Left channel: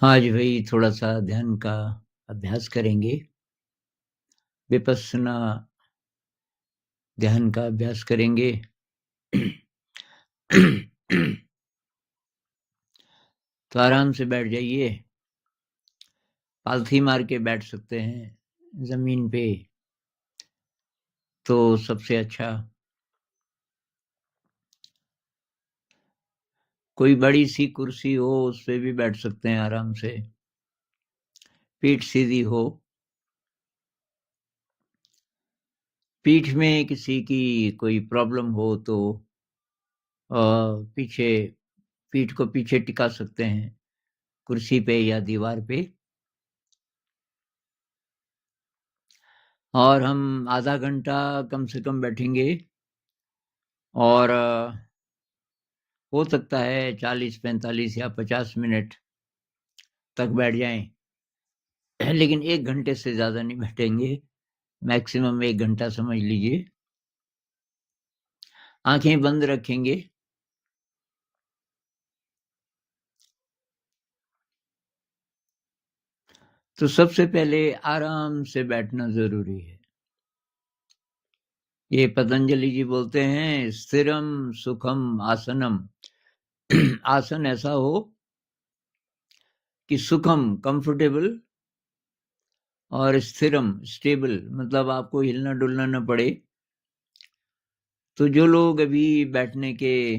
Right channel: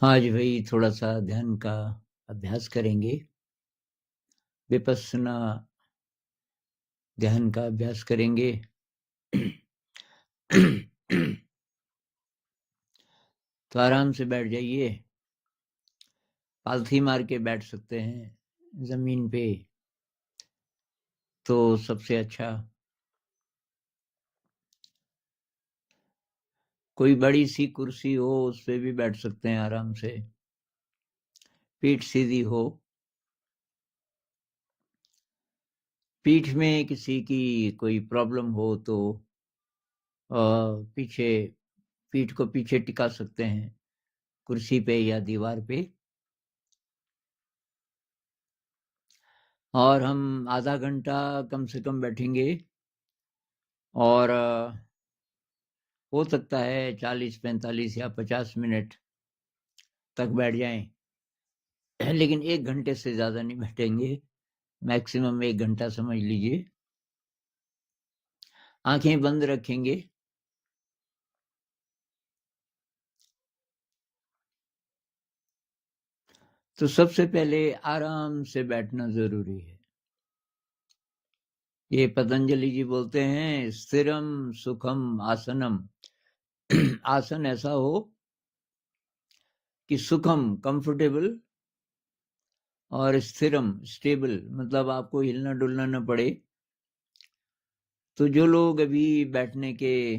आज भाई थोड़ा सा ध्यान का अभ्यास करेंगे। विपस्सना ध्यान का अभ्यास करेंगे। तो आराम से बैठ जाइए। पालथी मार के बैठ सकते हैं जमीन पे तो सबसे अच्छा। कोई बड़ी सी कुर्सी हो उस पे भी बैठ सकते हैं आराम से, पीठ सीधी हो। पीठ में किसी की कोई प्रॉब्लम हो तो पीछे पीठ को पीछे टिका सकते हैं कुर्सी पे या दीवार पे। और हम आधा घंटा कम से कम बैठेंगे और हो सकता है 40, 45 या 50 मिनट तक बैठ जाएं, लेकिन 1 घंटे से ज्यादा नहीं बैठेंगे। मैक्सिमम 1 घंटा समझ लीजिए। आंखें बंद रखेंगे। तो सबसे पहले आराम से बैठना जरूरी है। ये पतंजलि जी बोलते हैं स्थिरम सुखम आसनम। आसन ऐसा हो कि सुखम कंफर्टेबल और स्थिरम स्टेबल, मतलब आपको हिलना डुलना न पड़े। तो जो लोग अभी बैठने के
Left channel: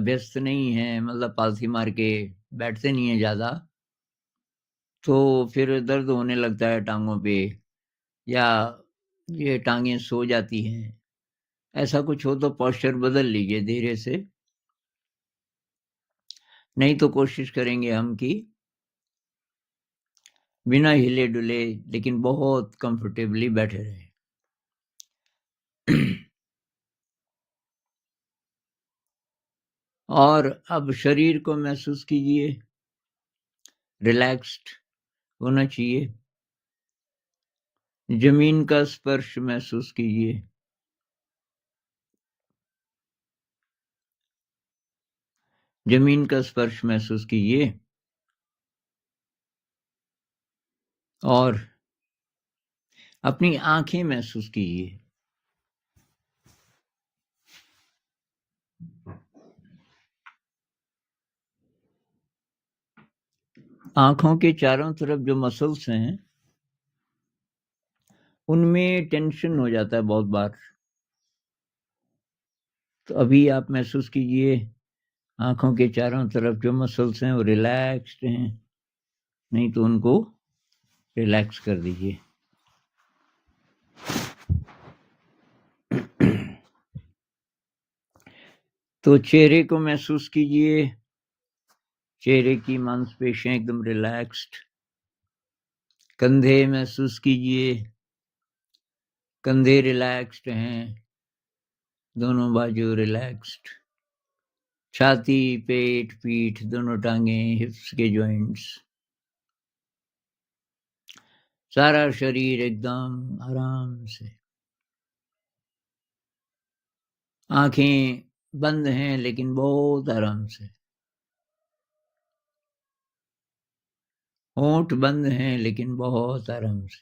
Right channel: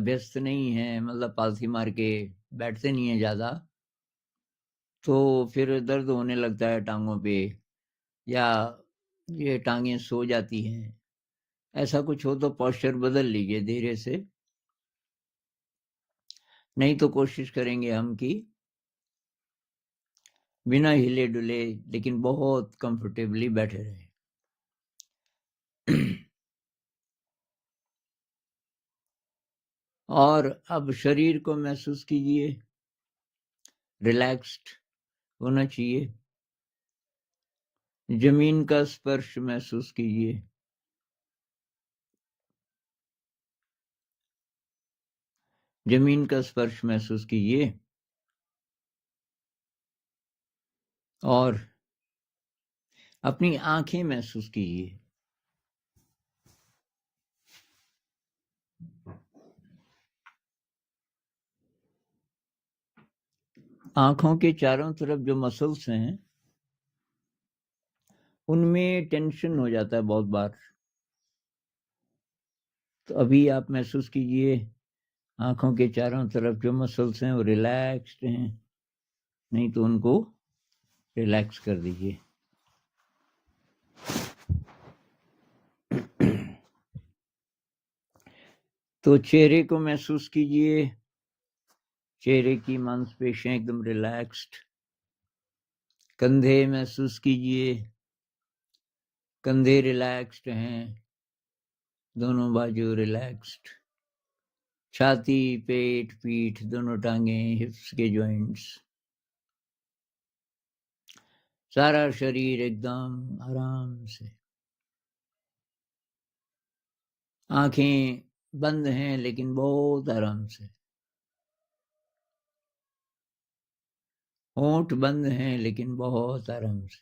व्यस्त नहीं है, मतलब पालथी मार के बैठते नहीं है ज्यादा, तो फिर दर्द होने लगता है टांगों पे या ये टांगे सो जाती हैं। ऐसा कुछ हो तो पोस्चर बदल लीजिए धीरे से। नहीं तो कोशिश करेंगे हम कि बिना हिले डुले लेकिन बहुत कंफर्टेबली बैठे रहे। और अब शरीर को महसूस कीजिए, रिलैक्स्ड होना चाहिए। जमीन का स्पर्श महसूस कीजिए। जमीन का स्पर्श महसूस कीजिए और अपनी आंखें महसूस कीजिए। आंखों के चारों तरफ जो मसल्स हैं उनमें टेंशन हो जाता है बहुत बार। तो अभी आप महसूस कीजिए आंखों के चारों तरफ जो मसल्स हैं वो रिलैक्स्ड हैं। नहीं तो उनको रिलैक्स कर दीजिए। तो चेहरे को महसूस कीजिए। चेहरे की मांसपेशियां एकदम रिलैक्स्ड। कंधे महसूस कीजिए, कंधे रिलैक्स्ड हैं, दोनों बाजू रिलैक्स्ड। छाती, पेट, पीठ, दोनों टांगे, हिप्स के जॉइंट्स, सारा शरीर एकदम आराम से। आंखें बंद हैं लेकिन बहुत आराम से। होंठ बंद हैं लेकिन बहुत आराम से।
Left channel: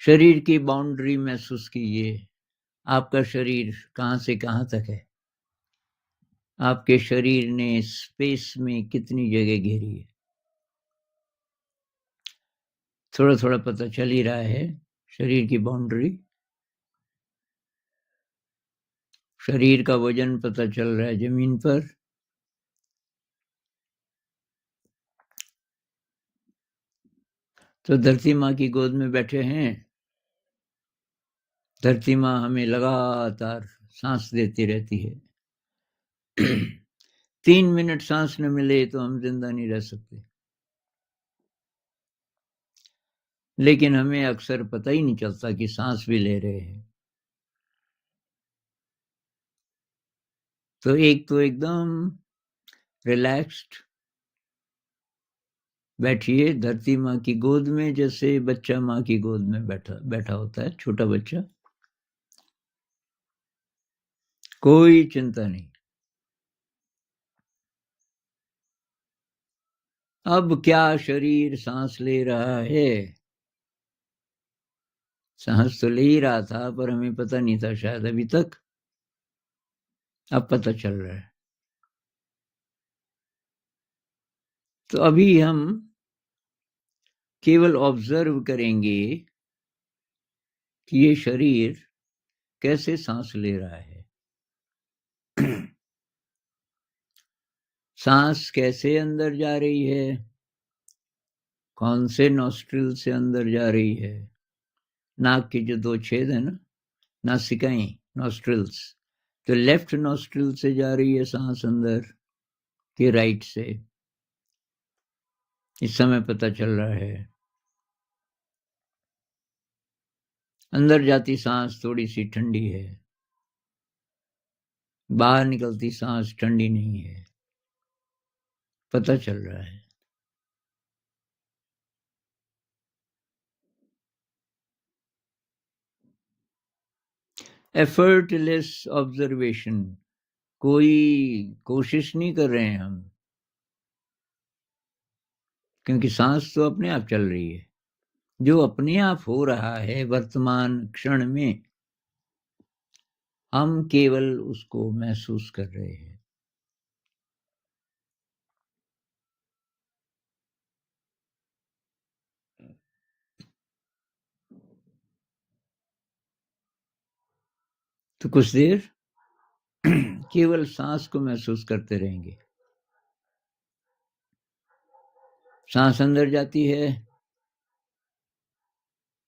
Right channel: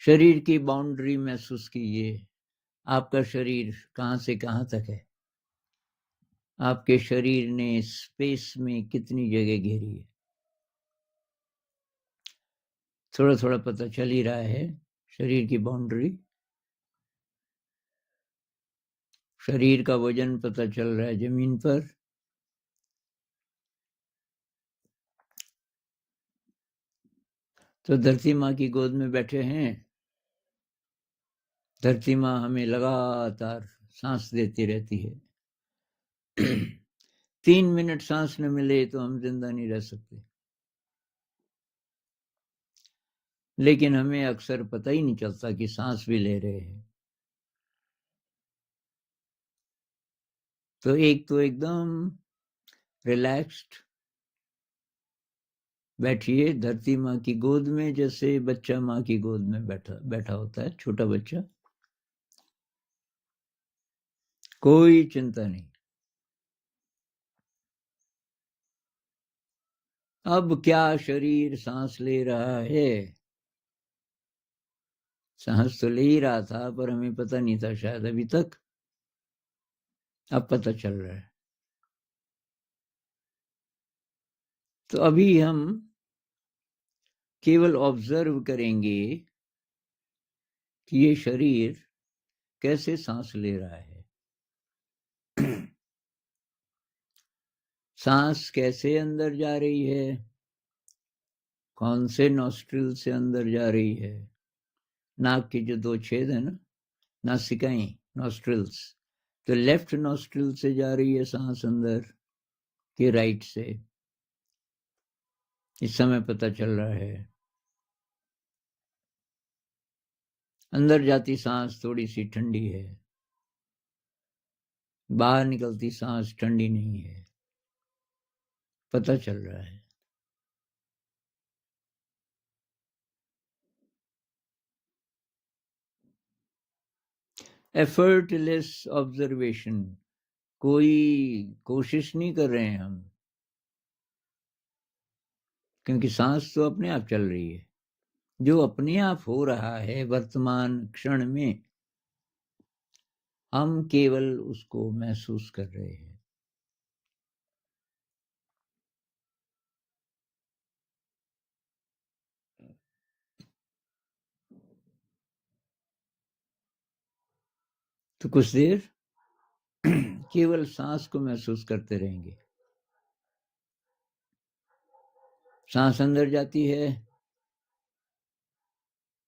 शरीर की बाउंड्री महसूस कीजिए। आपका शरीर कहां से कहां तक है। आपके शरीर ने स्पेस में कितनी जगह घेरी है। थोड़ा थोड़ा पता चल ही रहा है शरीर की बाउंड्री। शरीर का वजन पता चल रहा है जमीन पर। तो धरती माँ की गोद में बैठे हैं। धरती माँ हमें लगातार सांस देती रहती है। 3 मिनट सांस न मिले तो हम जिंदा नहीं रह सकते, लेकिन हमें अक्सर पता ही नहीं चलता कि सांस भी ले रहे हैं। तो एक तो एकदम रिलैक्स्ड बैठिए धरती माँ की गोद में, जैसे बच्चा माँ की गोद में बैठा बैठा होता है, छोटा बच्चा। कोई चिंता नहीं। अब क्या शरीर सांस ले रहा है? सांस तो ले ही रहा था, पर हमें पता नहीं था शायद अभी तक। अब पता चल रहा है। तो अभी हम केवल ऑब्जर्व करेंगे कि ये शरीर कैसे सांस ले रहा है। सांस कैसे अंदर जा रही है, कौन से नॉस्ट्रिल से अंदर जा रही है। नाक के जो 2 छेद है ना, नासिकाएं, नॉस्ट्रिल्स, तो लेफ्ट नॉस्ट्रिल से जा रही है सांस अंदर कि राइट से, इस समय पता चल रहा है। अंदर जाती सांस थोड़ी सी ठंडी है, बाहर निकलती सांस ठंडी नहीं है, पता चल रहा है। एफर्टलेस ऑब्जर्वेशन, कोई कोशिश नहीं कर रहे हैं हम, क्योंकि सांस तो अपने आप चल रही है। जो अपने आप हो रहा है वर्तमान क्षण में, हम केवल उसको महसूस कर रहे हैं। तो कुछ देर केवल सांस को महसूस करते रहेंगे। सांस अंदर जाती है,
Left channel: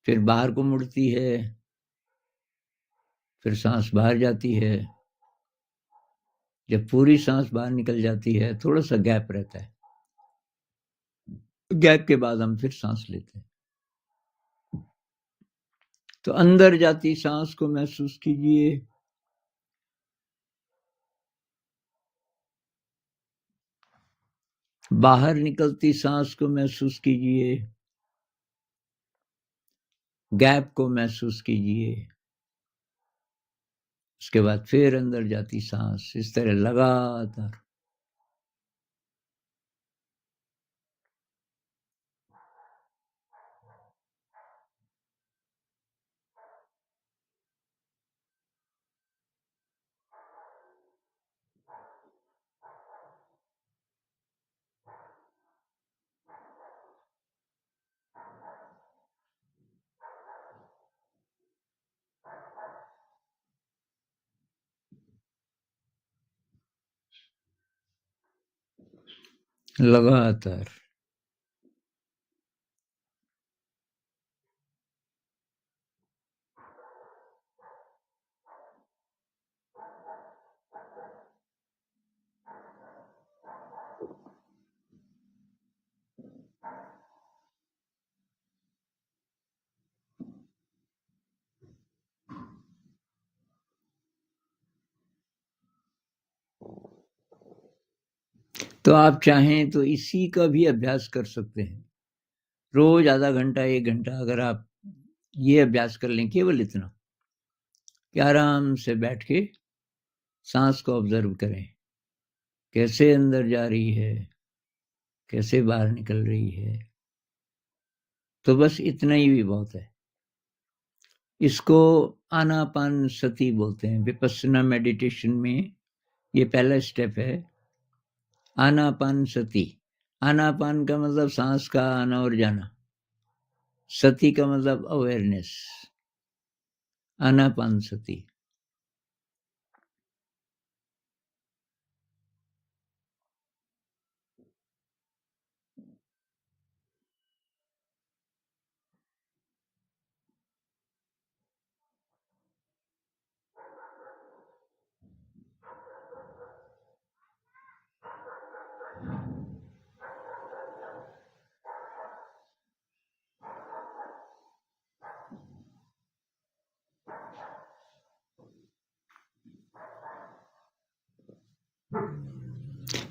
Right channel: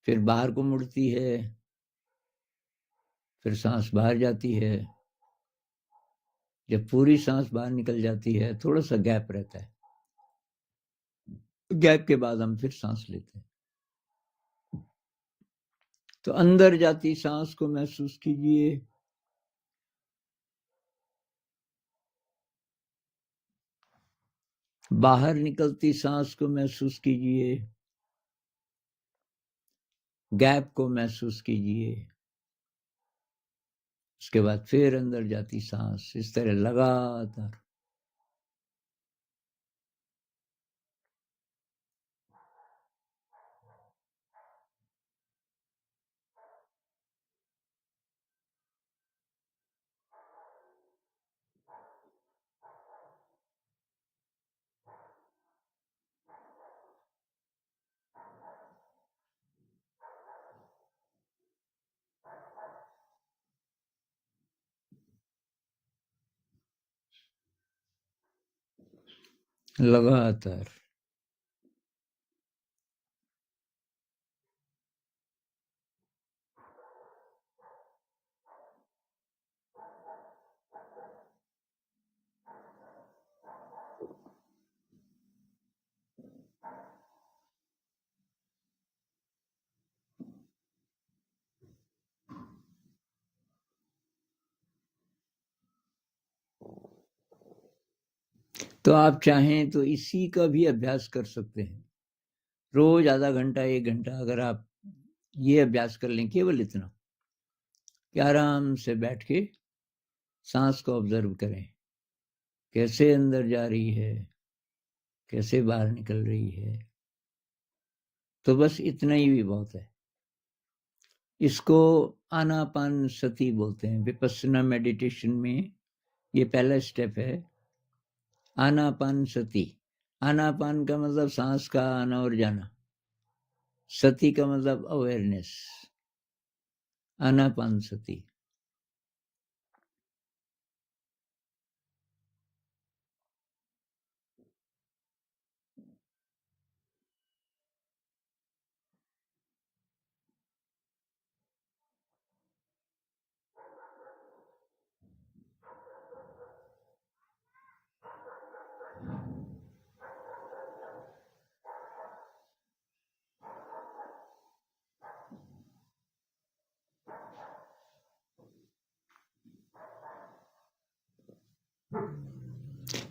फिर बाहर को मुड़ती है, फिर सांस बाहर जाती है। जब पूरी सांस बाहर निकल जाती है, थोड़ा सा गैप रहता है, गैप के बाद हम फिर सांस लेते हैं। तो अंदर जाती सांस को महसूस कीजिए, बाहर निकलती सांस को महसूस कीजिए, गैप को महसूस कीजिए। उसके बाद फिर अंदर जाती सांस, इस तरह लगातार। लगातार। तो आप चाहें तो इसी का भी अभ्यास कर सकते हैं। रोज आधा घंटा 1 घंटा अगर आप ये अभ्यास कर लें, केवल इतना कि आराम से बैठ के सांस को ऑब्जर्व करें, कैसे अंदर जा रही है, कैसे बाहर निकल रही है। तो बस इतना ही भी बहुत है। इसको आनापान सती बोलते हैं। विपस्सना मेडिटेशन में ये पहला स्टेप है, आनापान सती। आनापान का मतलब सांस का आना और जाना, सती का मतलब अवेयरनेस, आनापान सती।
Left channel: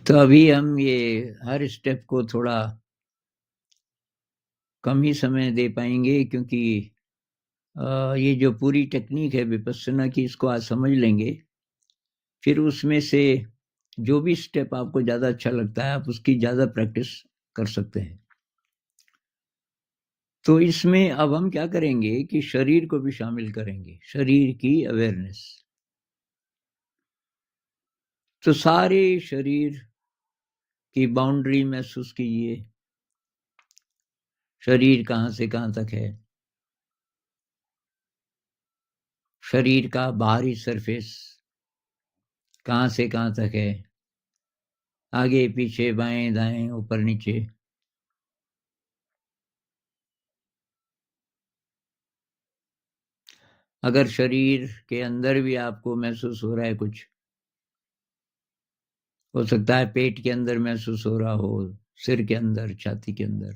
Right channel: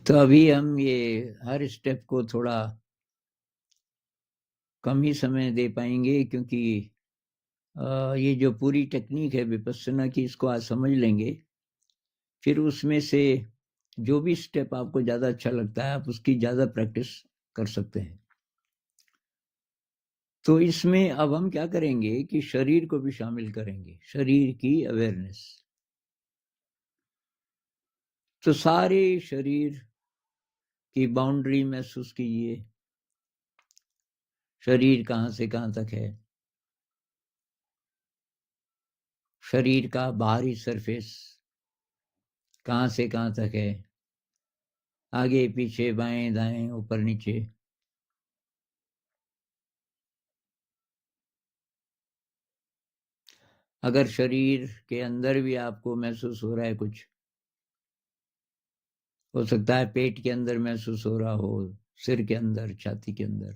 तो अभी हम ये हर स्टेप को थोड़ा कम ही समय दे पाएंगे, क्योंकि ये जो पूरी टेक्निक है विपस्सना की, इसको आज समझ लेंगे। फिर उसमें से जो भी स्टेप आपको ज्यादा अच्छा लगता है, आप उसकी ज्यादा प्रैक्टिस कर सकते हैं। तो इसमें अब हम क्या करेंगे कि शरीर को भी शामिल करेंगे, शरीर की अवेयरनेस। तो सारे शरीर की बाउंड्री महसूस कीजिए, शरीर कहां से कहां तक है, शरीर का बाहरी सरफेस कहां से कहां तक है, आगे पीछे बाएं दाएं ऊपर नीचे। अगर शरीर के अंदर भी आपको महसूस हो रहा है कुछ, हो सकता है पेट के अंदर महसूस हो रहा हो, सिर के अंदर, छाती के अंदर,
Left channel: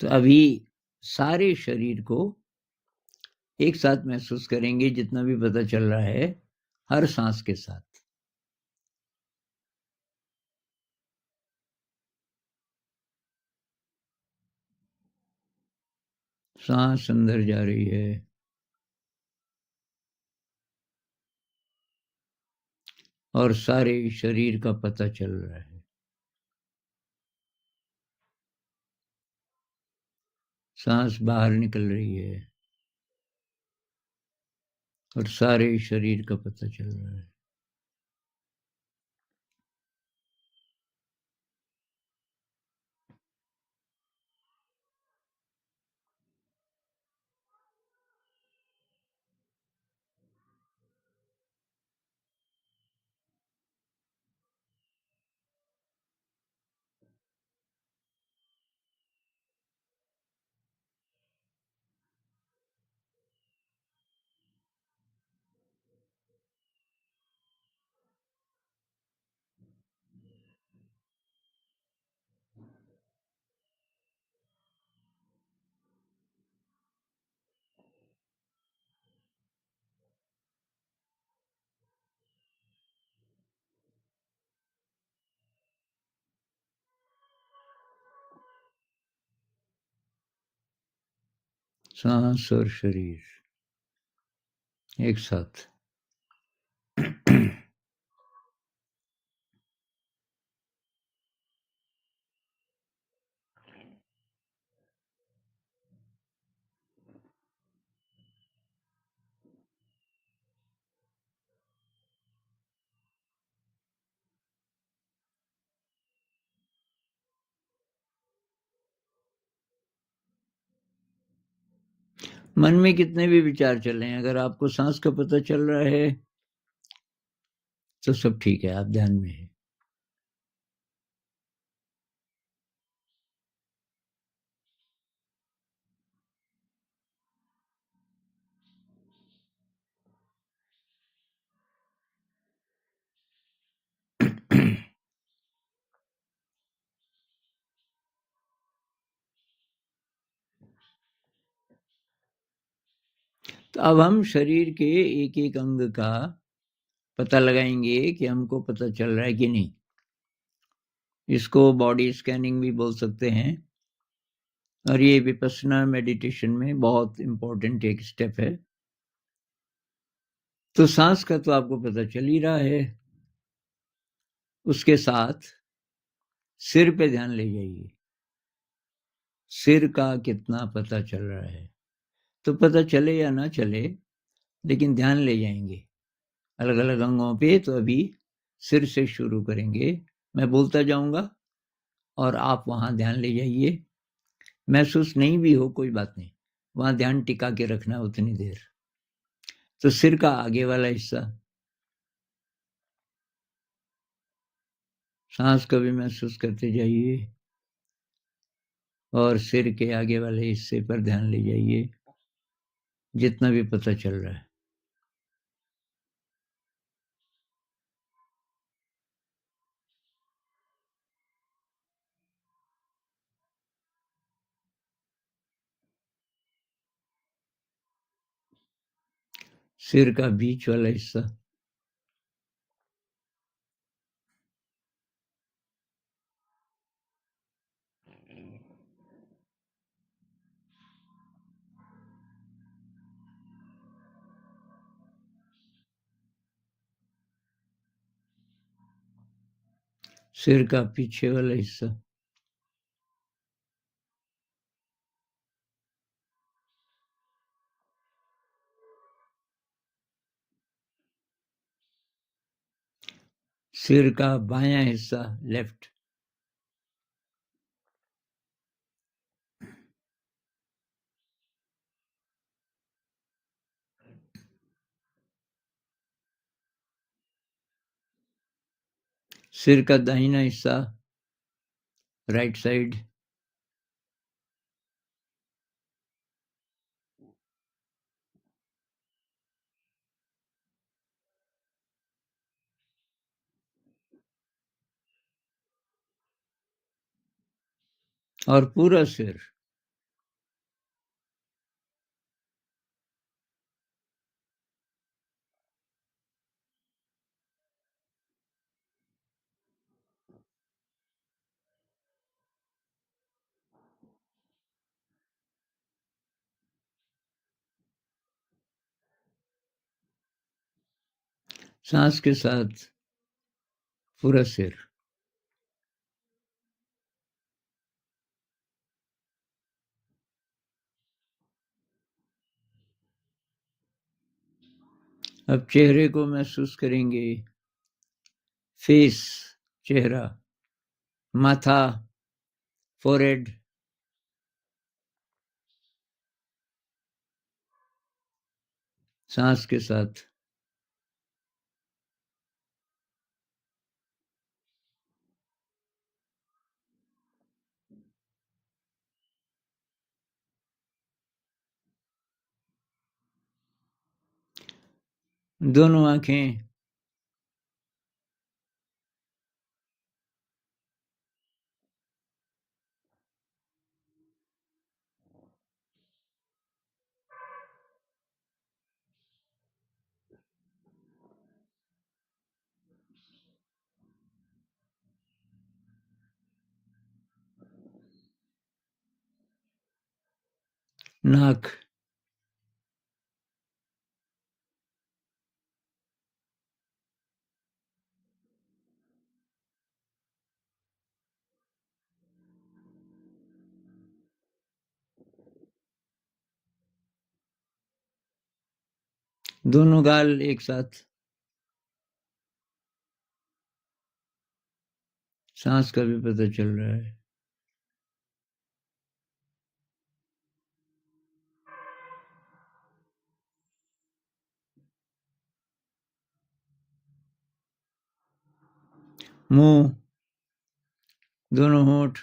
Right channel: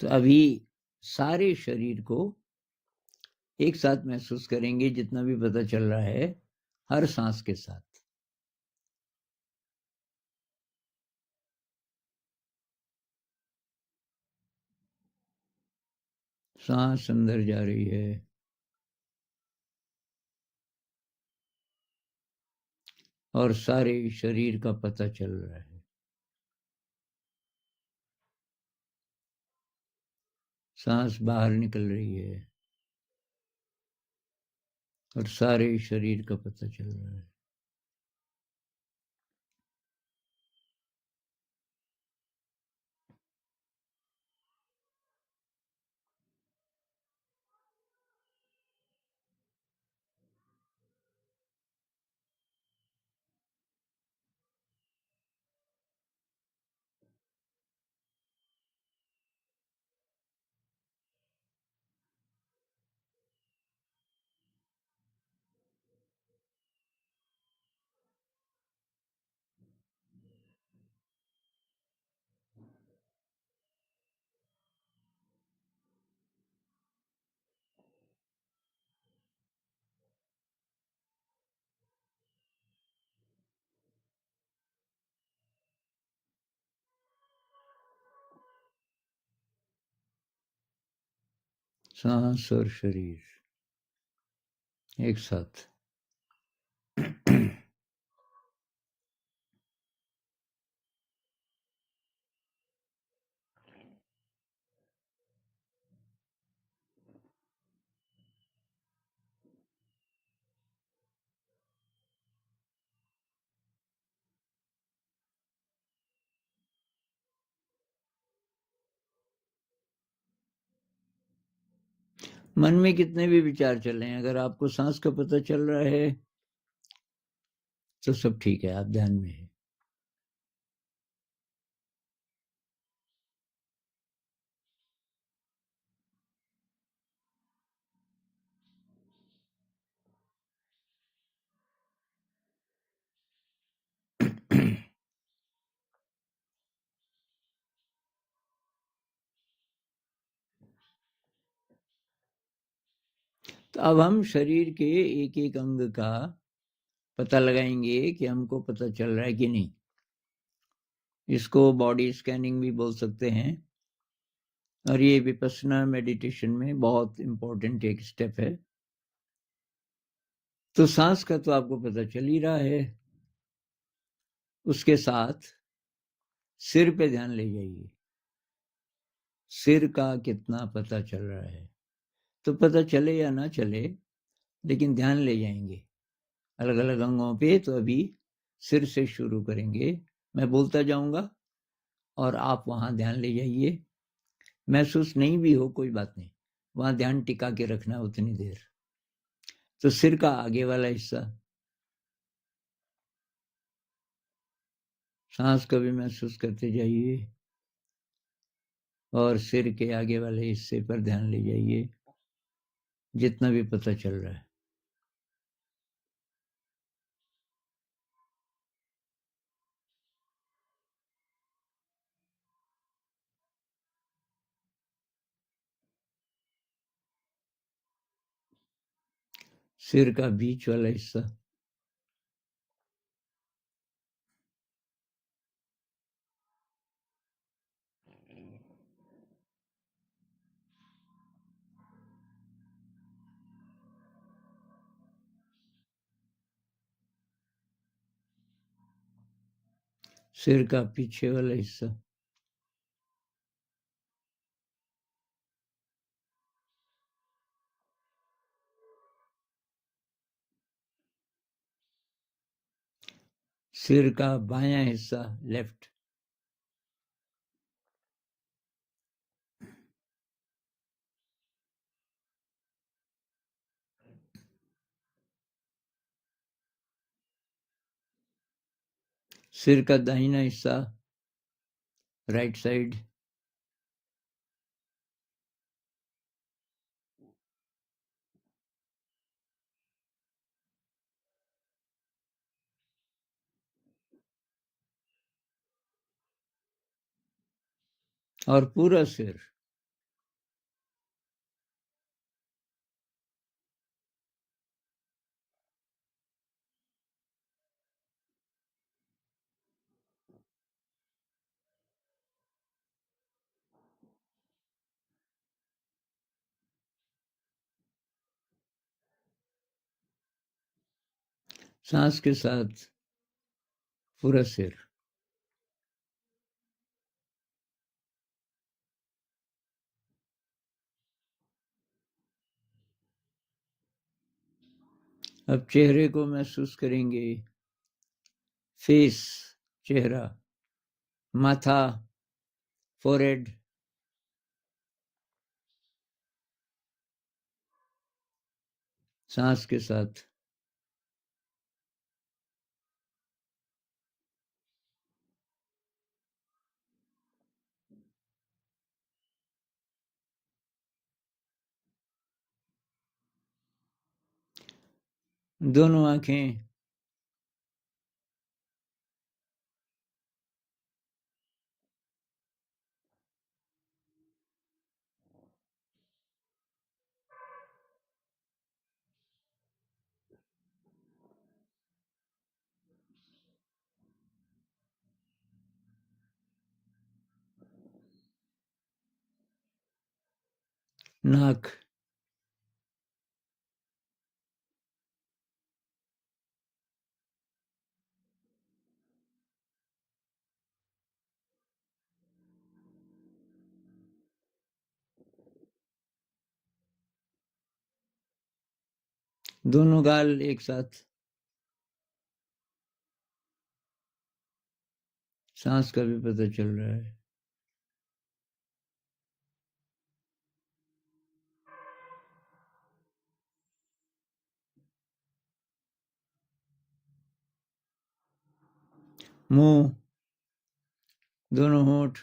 तो अभी सारे शरीर को एक साथ महसूस करेंगे जितना भी पता चल रहा है, हर सांस के साथ। सांस अंदर जा रही है और सारे शरीर का पता चल रहा है। सांस बाहर निकल रही है और सारे शरीर का पता चल रहा है। सांस और शरीर एक साथ। मन में कितने भी विचार चल रहे हैं, अगर आपको सांस का पता चल रहा है तो सब ठीक है, आप ध्यान में हैं। तो अब हम शरीर के एक एक अंग का पता लगाएंगे कि हमको पता चल रहा है कि नहीं। इसको बॉडी स्कैनिंग भी बोल सकते हैं, और ये विपश्यना मेडिटेशन में बहुत इंपॉर्टेंट एक स्टेप है। तो सांस का तो आपको पता चल ही रहा है, उसके साथ सिर पे ध्यान ले जाइए, सिर का कितना पता चल रहा है। तो पता चले या ना चले, लेकिन ध्यान ले जाएंगे अलग अलग अंगों पे। तो अभी सिर से शुरू करेंगे, मैं बोलता जाऊंगा और आप वहां ध्यान ले जाइए। महसूस नहीं भी हो कोई बात नहीं, वहां ध्यान टिका के रखना उतनी देर। तो सिर का आगे वाला हिस्सा, सांस को भी महसूस करते जाइए और सिर के आगे वाले हिस्से पर ध्यान ले जाइए जितना भी पता चल रहा है। सिर का बीच वाला हिस्सा, सिर का पीछे वाला हिस्सा, सिर का बायां हिस्सा लेफ्ट, सिर का दाहिना हिस्सा राइट साइड, और पूरा सिर, सांस के साथ पूरा सिर। अब चेहरे को महसूस करेंगे, फेस चेहरा, माथा, फोरहेड, सांस के साथ। दोनों आंखें, नाक, दोनों गाल एक साथ, सांस का भी पता चल रहा है। मुंह, दोनों होंठ,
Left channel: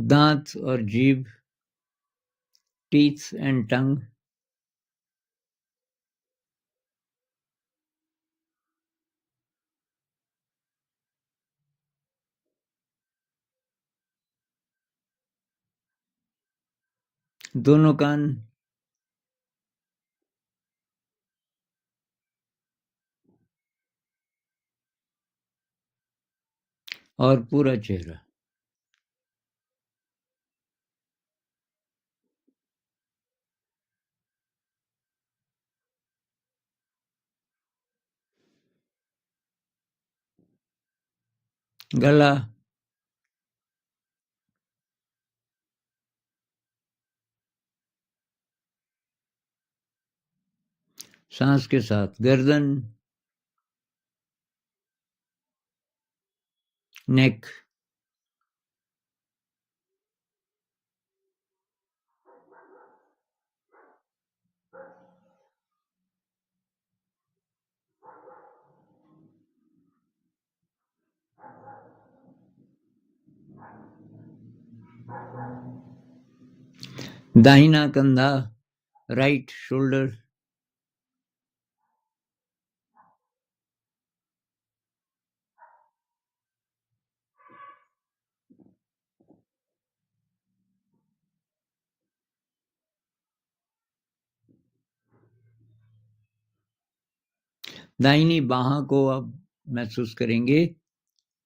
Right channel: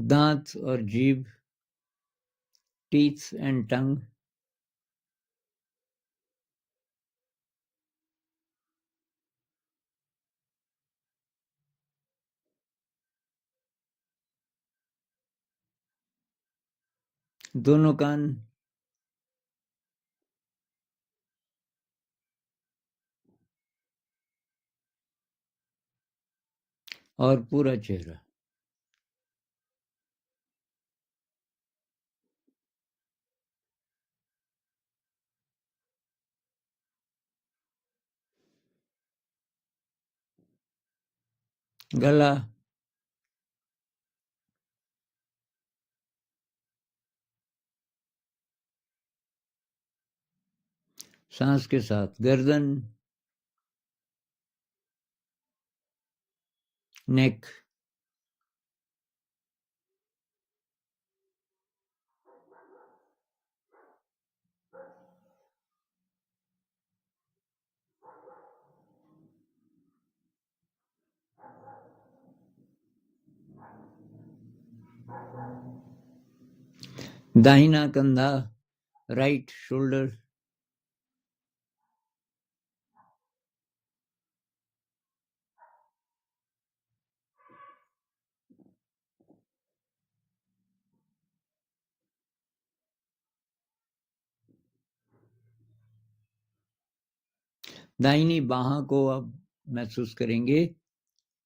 दांत और जीभ, टीथ एंड टंग, दोनों कान, और पूरा चेहरा। गला, सांस के साथ गर्दन, नेक, दाहिना कंधा, राइट शोल्डर, दाहिनी बाह को अब महसूस करेंगे,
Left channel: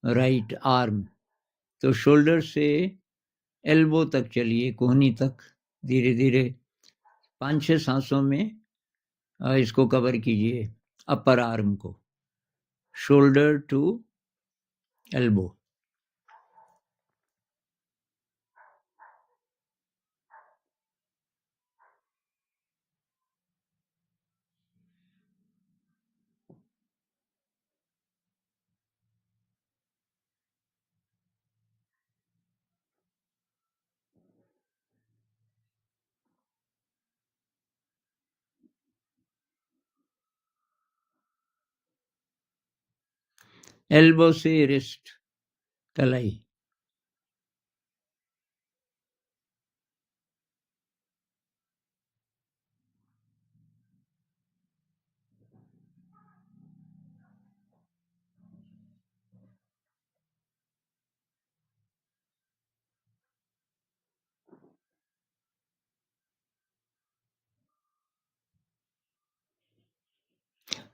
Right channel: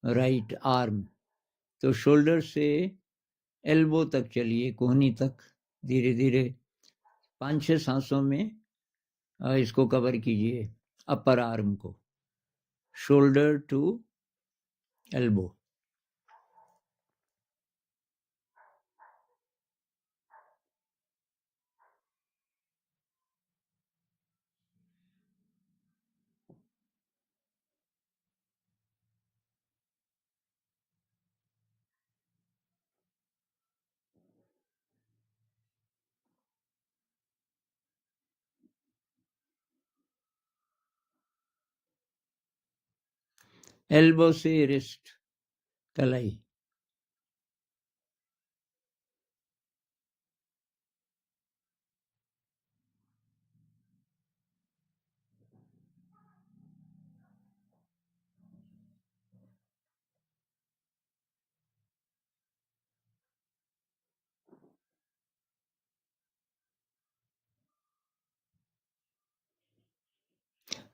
राइट आर्म। तो शोल्डर से एल्बो तक चलिए, कोहनी तक, धीरे धीरे 5-6 सांसों में इसको कवर कीजिए, अपर आर्म को, शोल्डर टू एल्बो। एल्बो से रिस्ट, कलाई।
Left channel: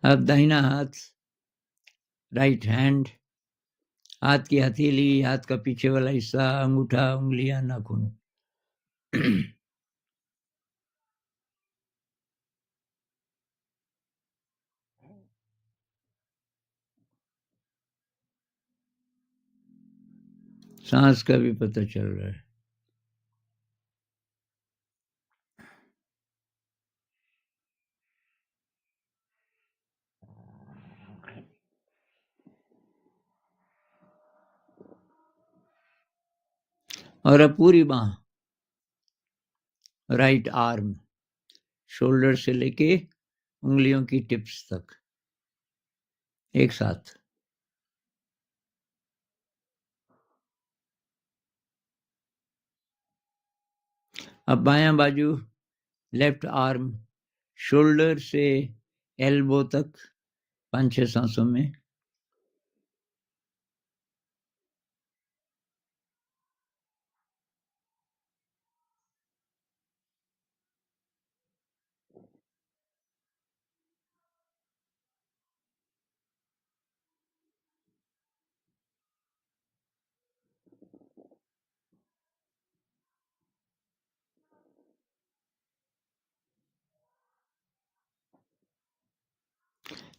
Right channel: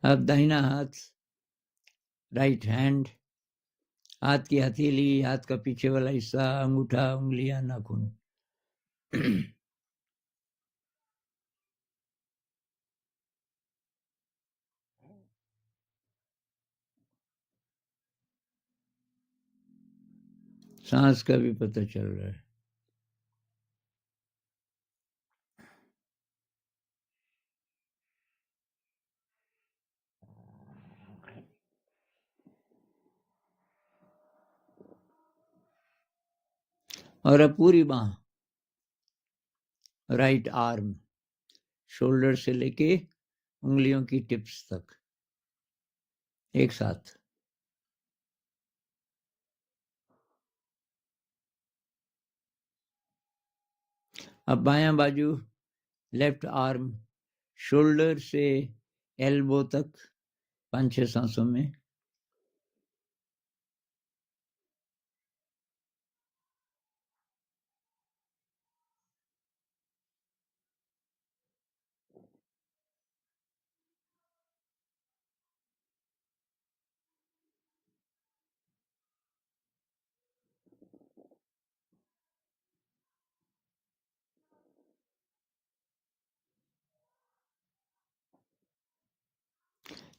अब दाहिना हाथ, राइट हैंड, हाथ की हथेली, हाथ का पीछे वाला हिस्सा, अंगूठा, उंगलियां, नाखून। सांस का भी पता चल रहा है। और अब पूरी बाह, राइट आर्म, शोल्डर से लेके उंगलियों की टिप्स तक एक साथ। अब बायां बाजू, लेफ्ट आर्म, शोल्डर से एल्बो तक 5-6 सांसों में।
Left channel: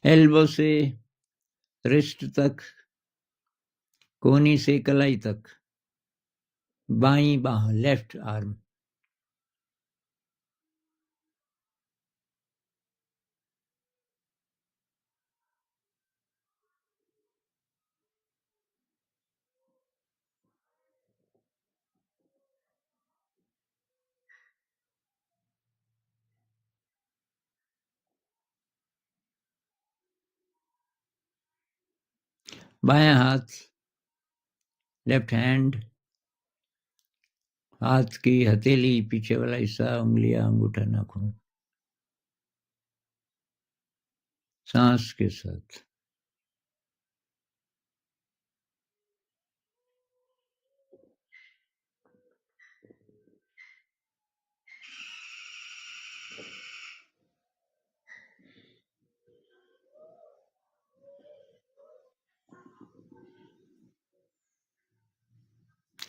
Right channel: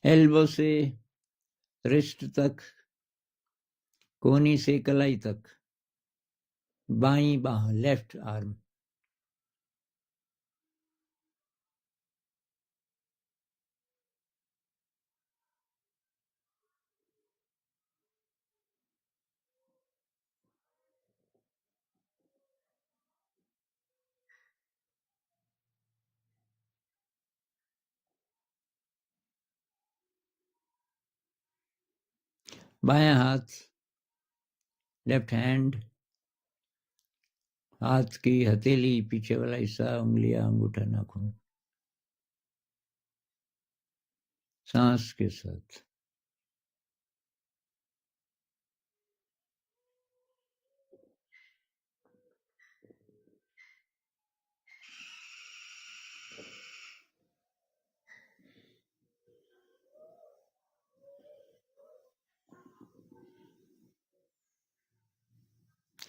एल्बो से रिस्ट तक, कोहनी से कलाई तक, बाईं बाह, लेफ्ट आर्म। बायां हाथ, लेफ्ट हैंड, हाथ की हथेली, पीछे वाला हिस्सा, उंगलियां, अंगूठा, नाखून, सांस के साथ।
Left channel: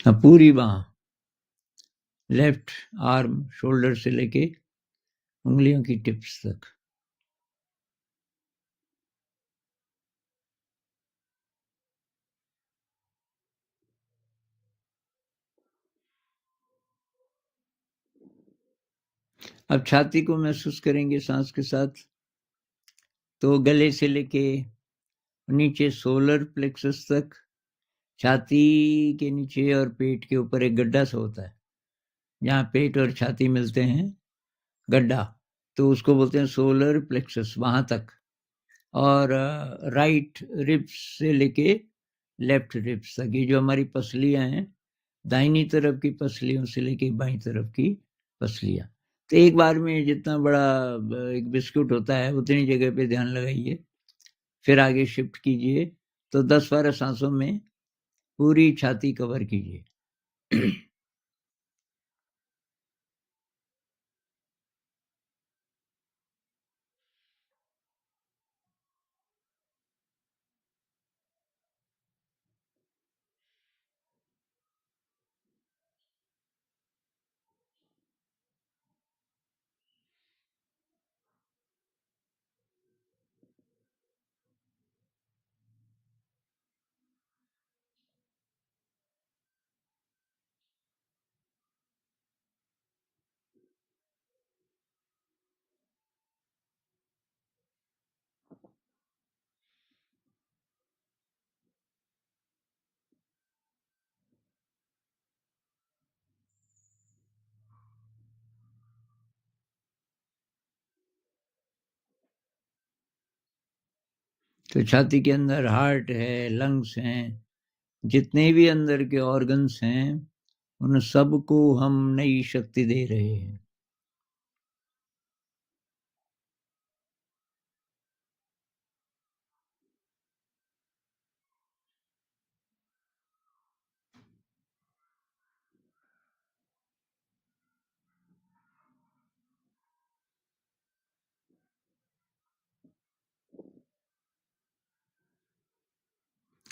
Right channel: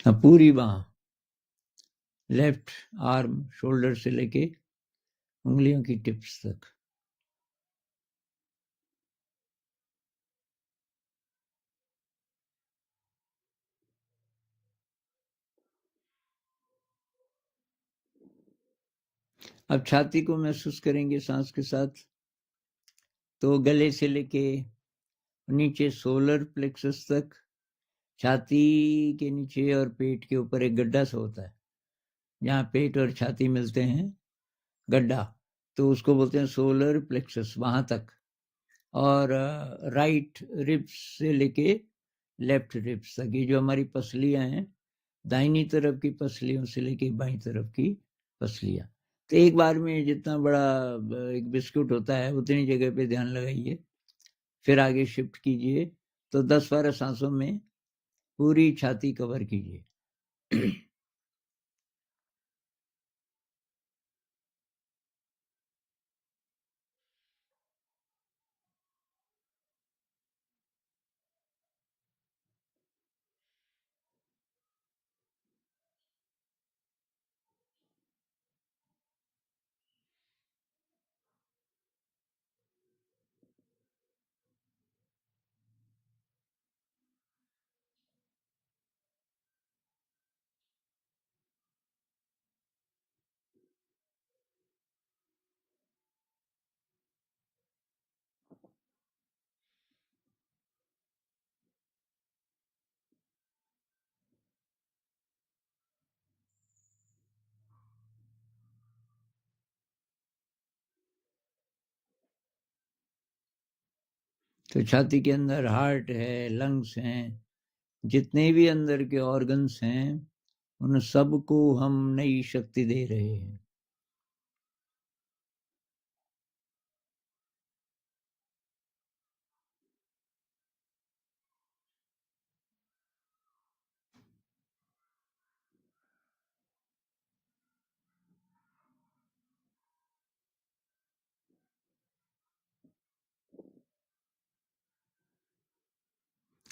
अब पूरी बाह, लेफ्ट आर्म, शोल्डर से लेके उंगलियों की टिप्स तक। अब छाती को महसूस करेंगे सांस के साथ। तो गले से लेके नीचे सोलर प्लेक्सस तक, छाती के नीचे और पेट के ऊपर एक गड्ढा सा होता है, जहाँ पेट और छाती मिलते हैं, गड्ढा, तो उसको बोलते हैं सोलर प्लेक्सस, वहां तक। और राइट रिब्स से लेके लेफ्ट रिब्स तक, ये जो हमारी पसलियां हैं, दाहिनी तरफ की पसलियों से लेके बाईं तरफ की पसलियां। तो एक बार में जितना बड़ा एक बिस्कुट होता है उतनी जगह पे ध्यान लगाइए, फिर आगे शिफ्ट कीजिए। तो 10-12 सांसों में पूरी छाती कवर कीजिए। तो छाती के अंदर हार्ट है, लंग्स हैं, जितने भी अंदर के ऑर्गन्स हैं, उन सबको हम नई शक्ति दे रहे हैं।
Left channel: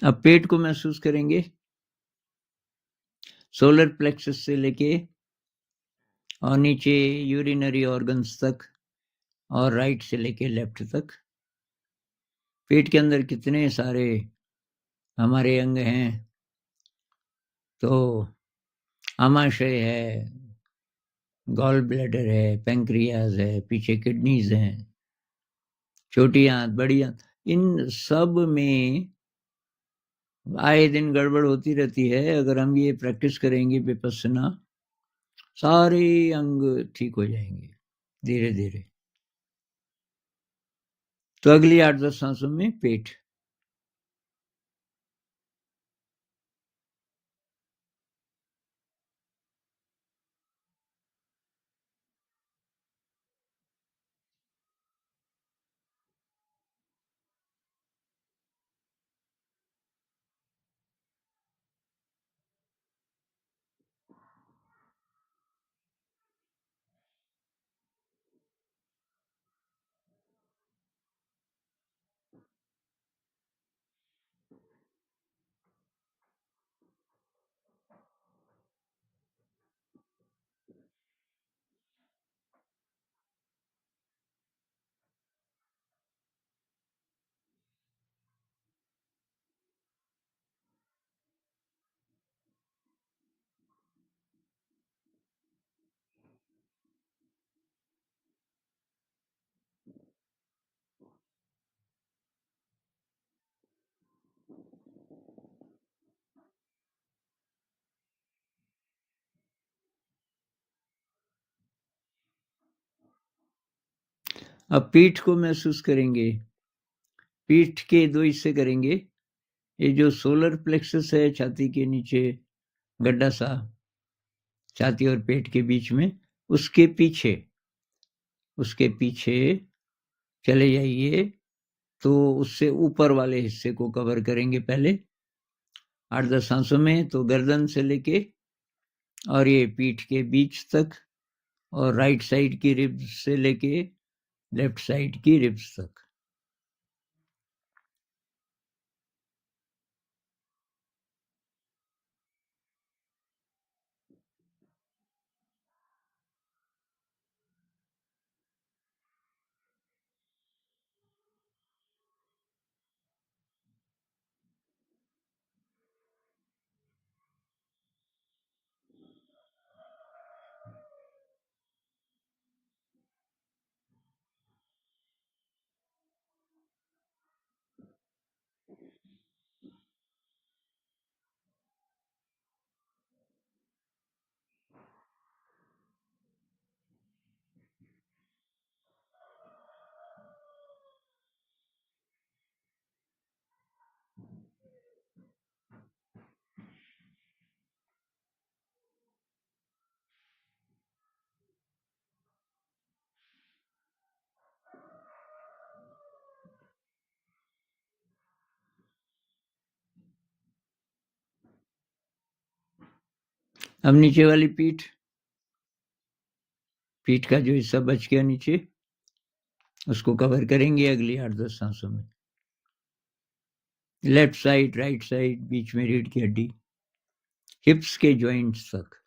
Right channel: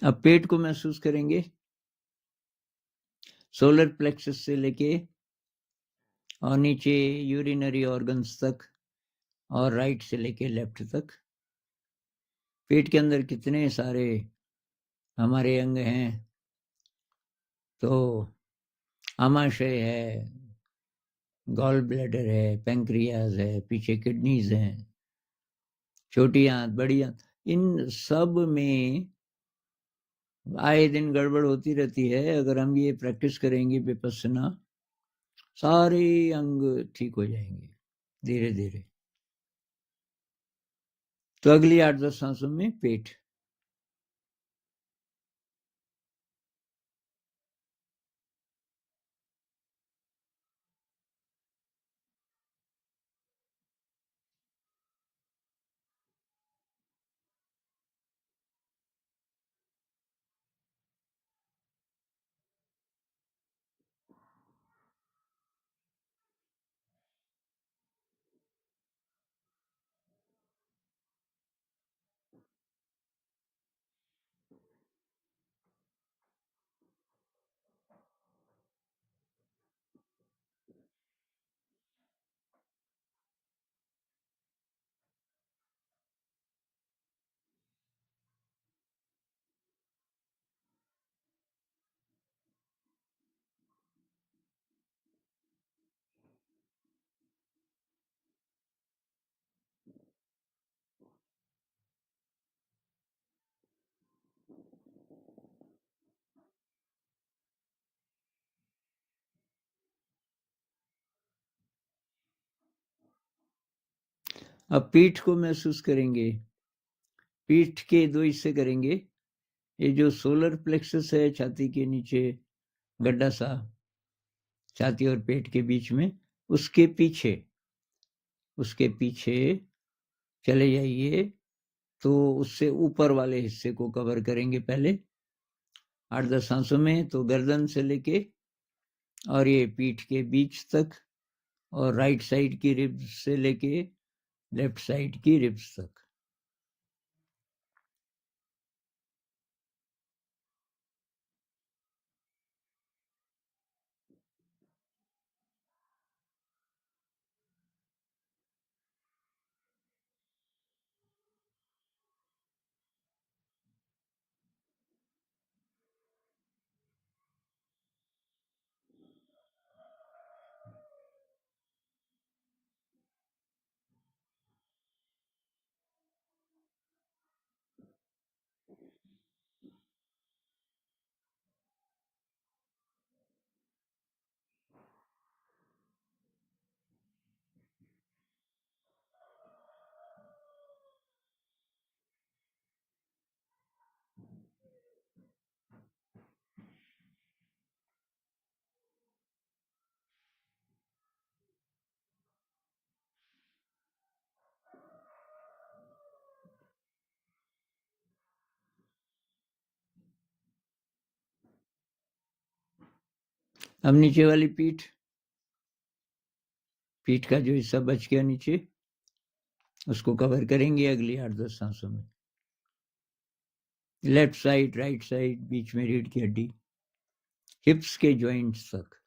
अब पेट को महसूस करेंगे, सोलर प्लेक्सस से लेके और नीचे यूरिनरी ऑर्गन्स तक और राइट से लेके लेफ्ट तक। पेट के अंदर कितने सारे हमारे अंग हैं, तो आमाशय है, गॉल ब्लैडर है, पैंक्रियाज है, पीछे किडनीज हैं, छोटी आंत, बड़ी आंत, इन सब में आए दिन गड़बड़ होती रहती है। अगर हम ये प्रैक्टिस करेंगे विपस्सना, सारे अंग ठीक हो जाएंगे धीरे धीरे। तो अगली 8-10 सांसों में पेट। अब पीठ को महसूस करेंगे। पीठ के दो हिस्से करेंगे। ये जो सोलर प्लेक्सस है छाती के नीचे, गड्ढा सा छाती और पेट के बीच में, उसके पीछे चले जाइए, तो उससे ऊपर वाले हिस्से को कवर करेंगे पहले 8-10 सांसों में। तो गर्दन से लेके और ये पीठ के बीच तक, और राइट साइड की रिब्स से लेके लेफ्ट साइड की रिब्स तक। अब नीचे वाली पीठ का जो हिस्सा बच गया नीचे, उसको कवर करेंगे अगली 8-10 सांसों में। लेफ्ट साइड, राइट साइड, बीच में रीढ़ की हड्डी, हिप्स के जॉइंट्स तक।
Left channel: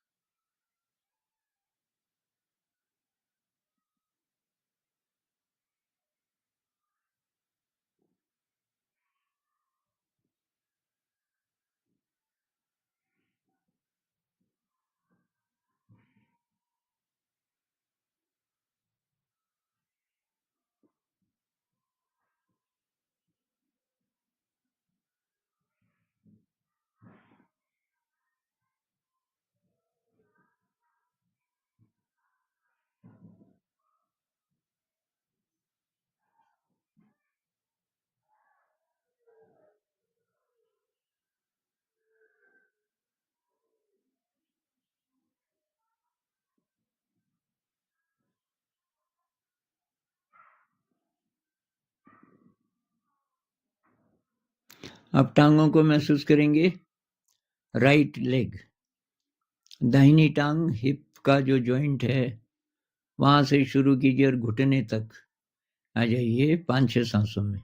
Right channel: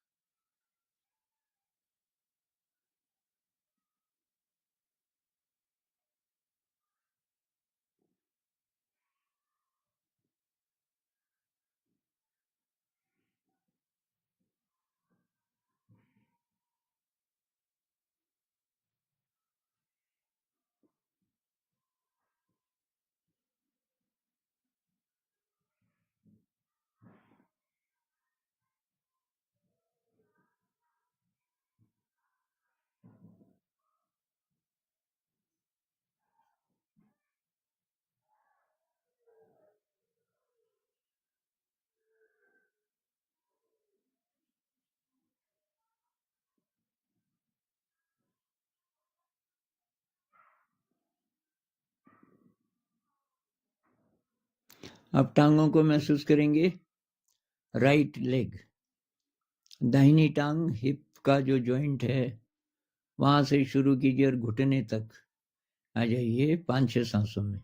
अब टांगों को महसूस करेंगे। राइट लेग, दाहिनी टांग हिप का जो जॉइंट है वहां से शुरू कीजिए और घुटने तक आ जाइए 5-6 सांसों में।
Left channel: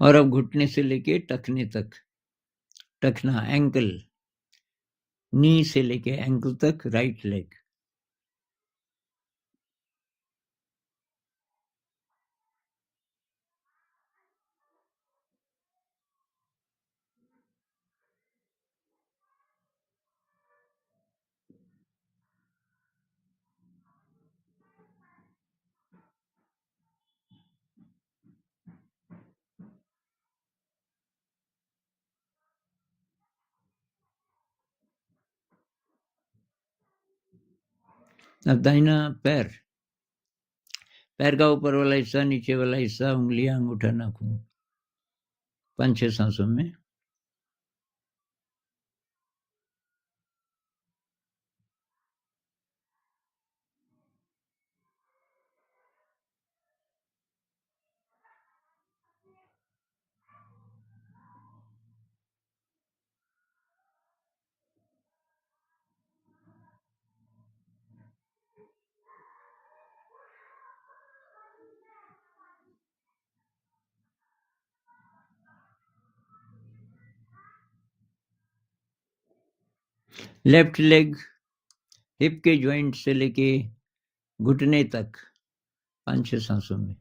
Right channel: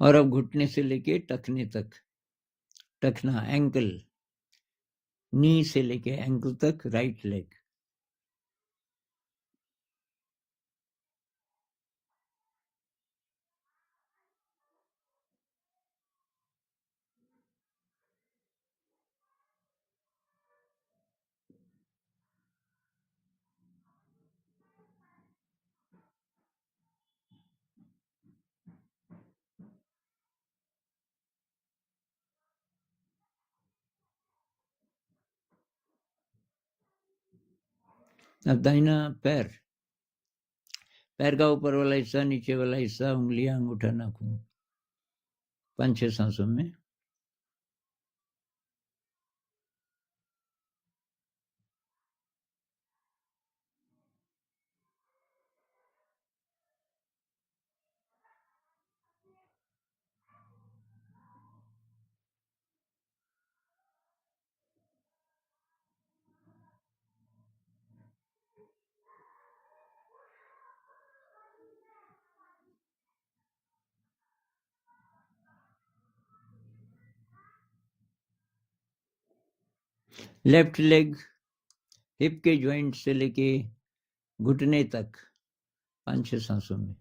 और अब घुटने से लेके टखने तक, टखना एंकल, नी से लेके एंकल तक राइट लेग। अब दाहिना पैर, पैर का ऊपर वाला हिस्सा, नीचे वाला हिस्सा, उंगलियां, अंगूठा, नाखून, 5-6 सांसों में। लेफ्ट लेग हिप के जॉइंट से लेके घुटने तक 5-6 सांसों में।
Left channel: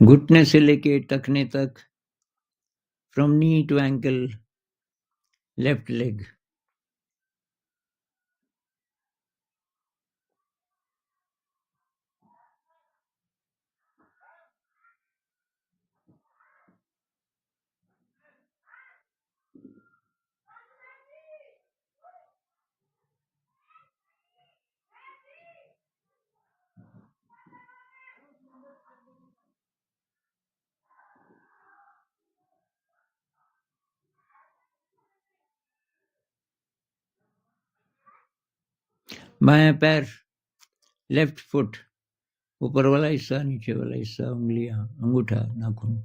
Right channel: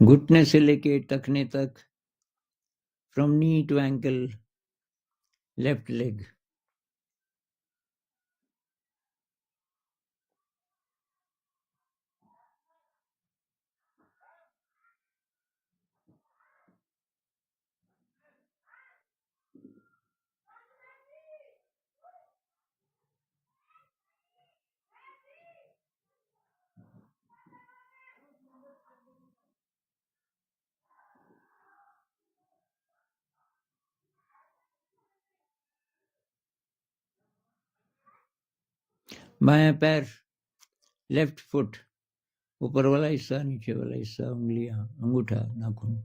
घुटने से लेके टखने तक, from knee to ankle, left leg. बायां पैर, लेफ्ट फुट, ऊपर वाला हिस्सा, नीचे वाला हिस्सा, उंगलियां, अंगूठा, नाखून,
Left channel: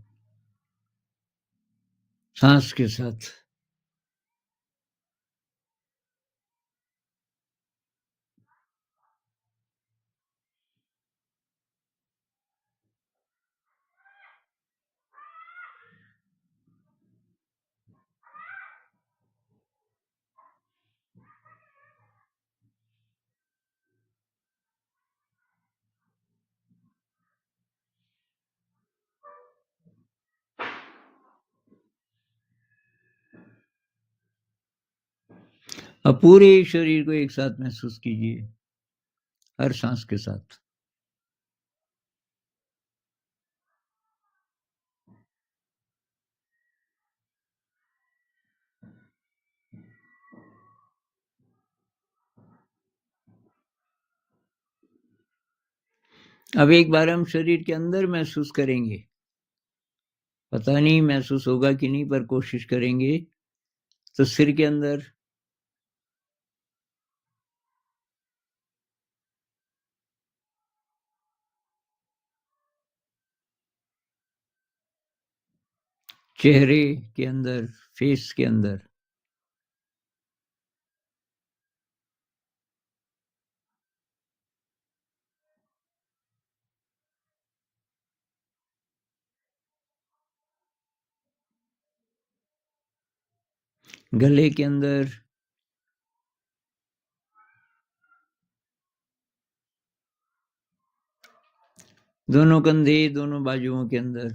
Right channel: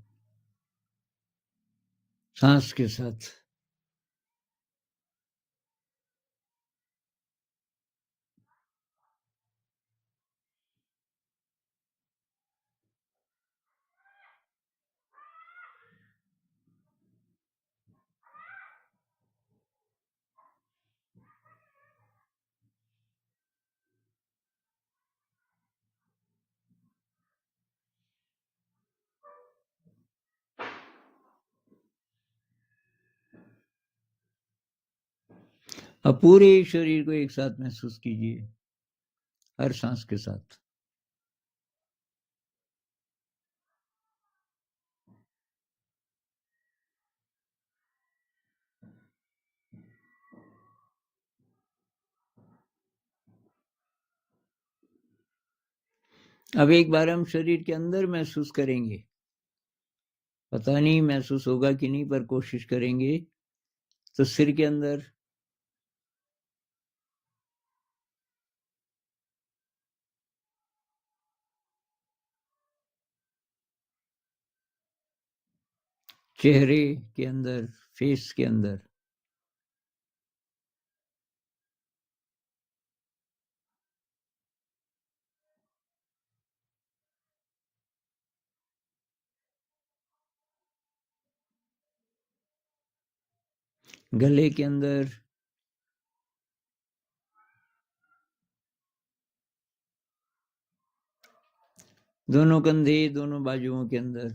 सांस के साथ। अब पूरे शरीर को एक साथ महसूस कीजिए, हर सांस के साथ। अब एक बार हम शरीर के अंदर महसूस करेंगे, पता नहीं महसूस होगा कि नहीं, पर कोशिश करेंगे। तो सिर के अंदर, चेहरे के अंदर, फेस के अंदर, गले के अंदर, दोनों कंधे, दोनों बाजुओं के अंदर,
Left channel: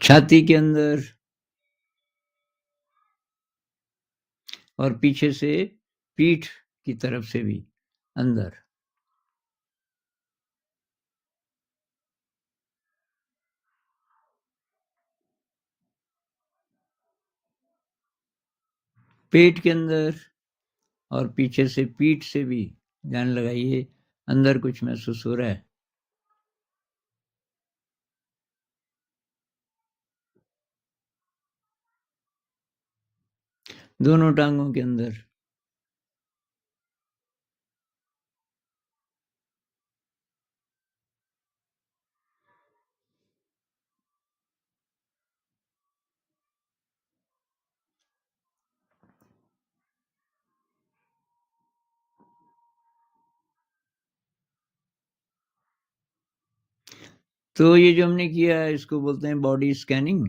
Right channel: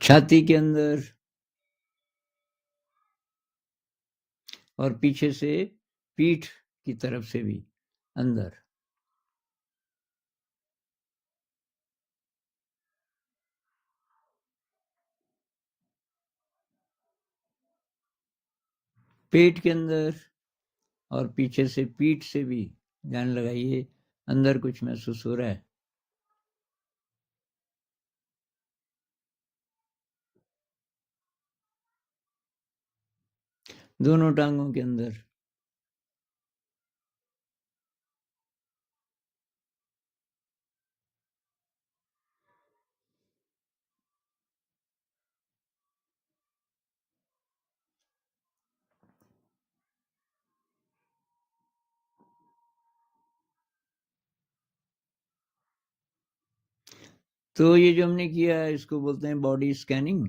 छाती के अंदर और पीछे से पीठ की तरफ से भी अंदर। पेट के अंदर और पीछे से पीठ से भी ध्यान लगाइए, अंदर कुछ महसूस हो रहा है। दोनों टांगों के अंदर, तो ये जो हमने किया है इसको बोलते हैं बॉडी स्कैनिंग।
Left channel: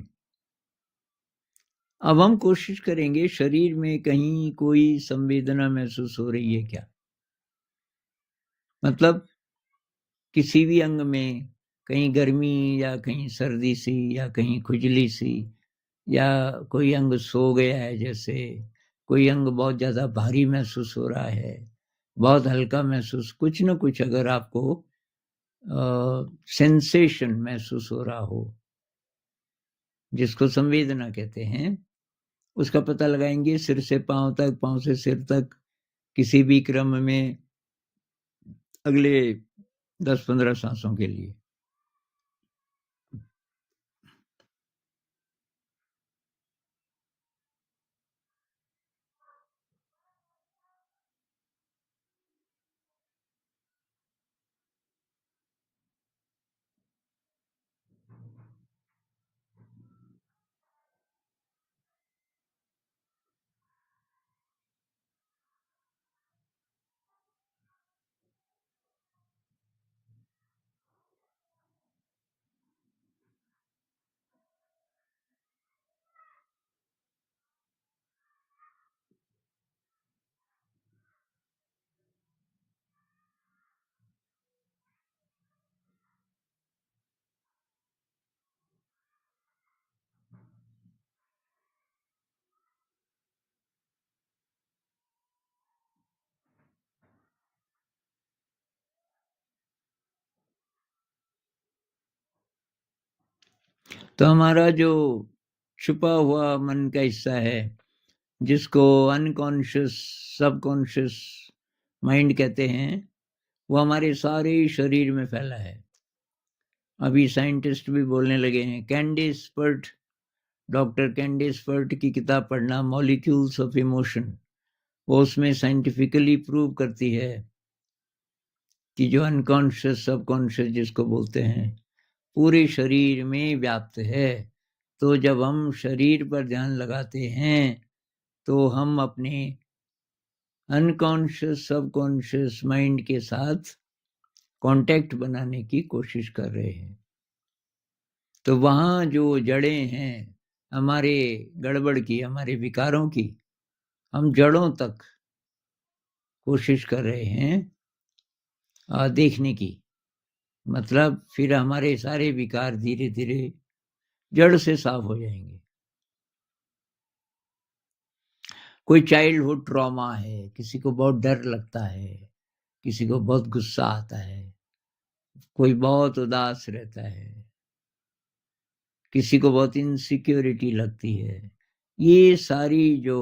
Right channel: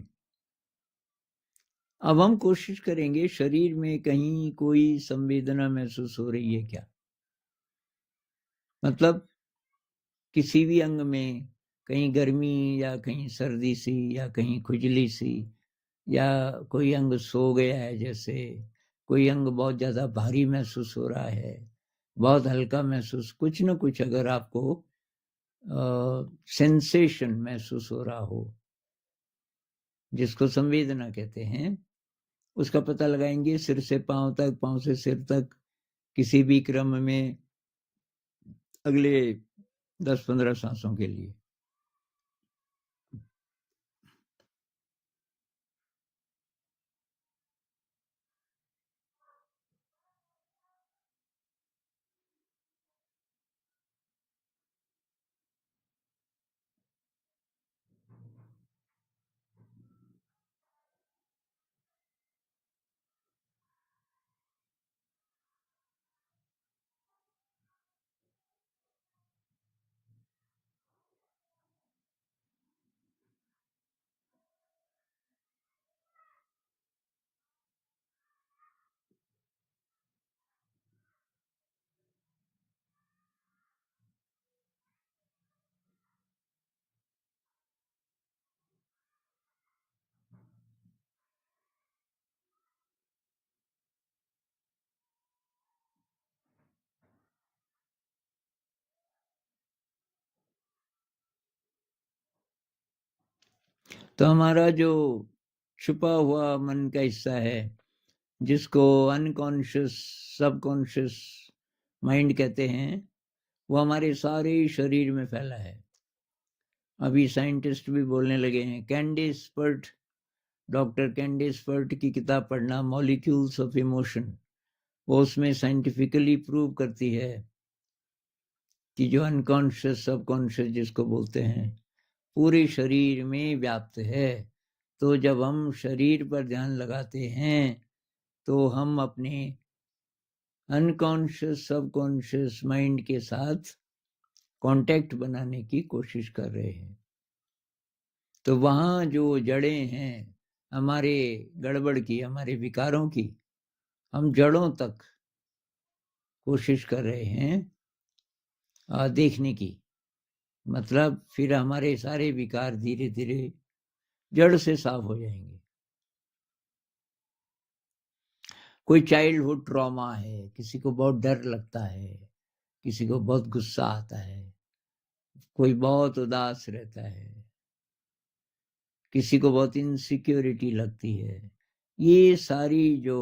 अब हम कोशिश करेंगे शरीर में कहीं कोई संवेदना महसूस हो रही है क्या, मतलब किसी भी अंग में कहीं गर्मी या कहीं सर्दी सी या कहीं खुजली सी, या कोई अंग सो गया है, जैसे कोई अंग बहुत ज्यादा भारी महसूस हो रहा है, बहुत हल्का महसूस, कुछ न कुछ अगर आपको सेंसेशन महसूस हो रहा हो, जिसको संवेदना कहते हैं, उसका पता लगाएंगे सिर से पांव तक, पांव से सिर तक, किसी भी क्रम में अगले 10-15 सांसों के लिए। तो हमारा जो छुपा हुआ मन का हिस्सा है, जिसको अनकॉन्शियस सबकॉन्शियस माइंड कहते हैं, वो हमारे सारे शरीर में फैला है। अभी साइंटिस्ट भी बोलने लगे हैं। Candace Pert, doctor Candace Pert की किताब पढ़ना, मॉलिक्यूल्स ऑफ इमोशन, वो उसमें साइंटिफिकली प्रूव करती है कि जो अनकॉन्शियस सबकॉन्शियस जिसको बोलते हैं, पूरे शरीर में व्याप्त है। तो जब हम शरीर पर ध्यान लगाते हैं तो हम अपने अनकॉन्शियस सबकॉन्शियस माइंड के साथ कांटेक्ट बनाने की कोशिश कर रहे हैं। तो वहां जो जड़ें हैं हमारे गड़बड़ की, हमारे विकारों की, हम जड़ों तक कोशिश कर रहे हैं देखने की। मतलब फिर हमारे सारे विकार धीरे धीरे जड़ से साफ हो जाएंगे। कोई चाइल्डहुड ट्रॉमा है, किसी को बहुत डर लगता है, किसी को बहुत गुस्सा आता है, कोई बहुत उदास रहता है, किसी को बहुत इनसिक्योरिटी लगती है, ये सारी जो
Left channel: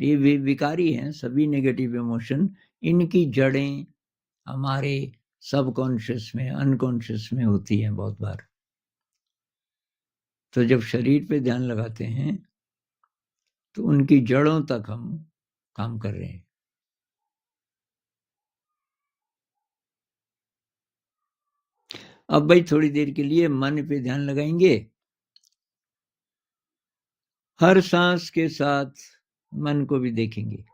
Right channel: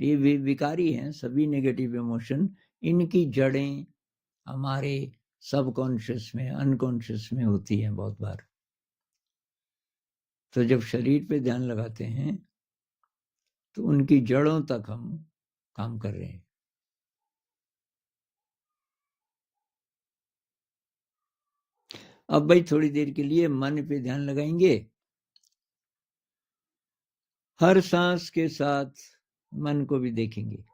ये विकारी हैं, सभी नेगेटिव इमोशन, इनकी जड़ें हमारे सबकॉन्शियस में, अनकॉन्शियस में होती हैं बहुत बार। तो जब शरीर पे ध्यान लगाते हैं तो उनकी जड़ों तक हम काम कर रहे हैं। अब भाई थोड़ी देर के लिए मन पे ध्यान लगाएंगे, हर सांस के साथ मन को भी देखेंगे।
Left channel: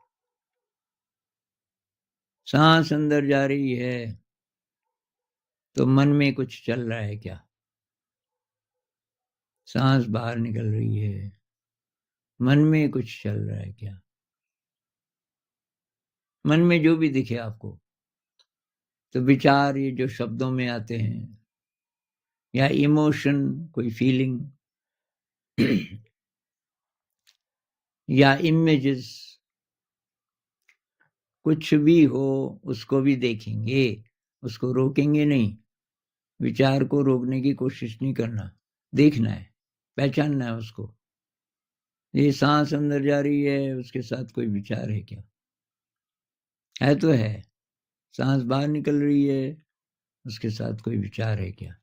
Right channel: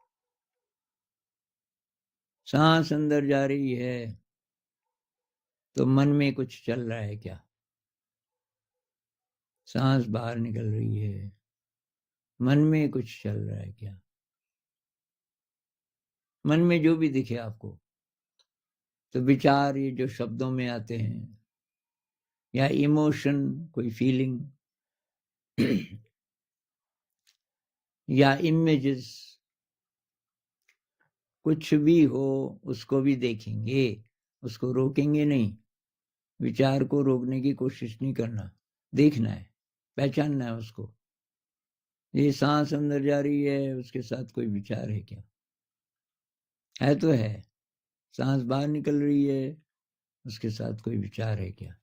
सांस अंदर जा रही है तो मन में कुछ चल रहा है क्या? सांस बाहर निकल रही है, मन में कुछ चल रहा है क्या? मन में जो भी दिखे आपको, तो विचार ये जो शब्दों में आते हैं, या इमोशन, कोई फीलिंग, या इमेजेस, कुछ भी हो उसको भी देखेंगे, उसको रोकेंगे नहीं। विचार को रोकने की कोशिश नहीं करना, देखना है, पहचानना है उसको। ये सांस अंदर जा रही है, उसके साथ कोई विचार है क्या? है तो है। सांस बाहर निकल रही है, उसके साथ कोई विचार है क्या?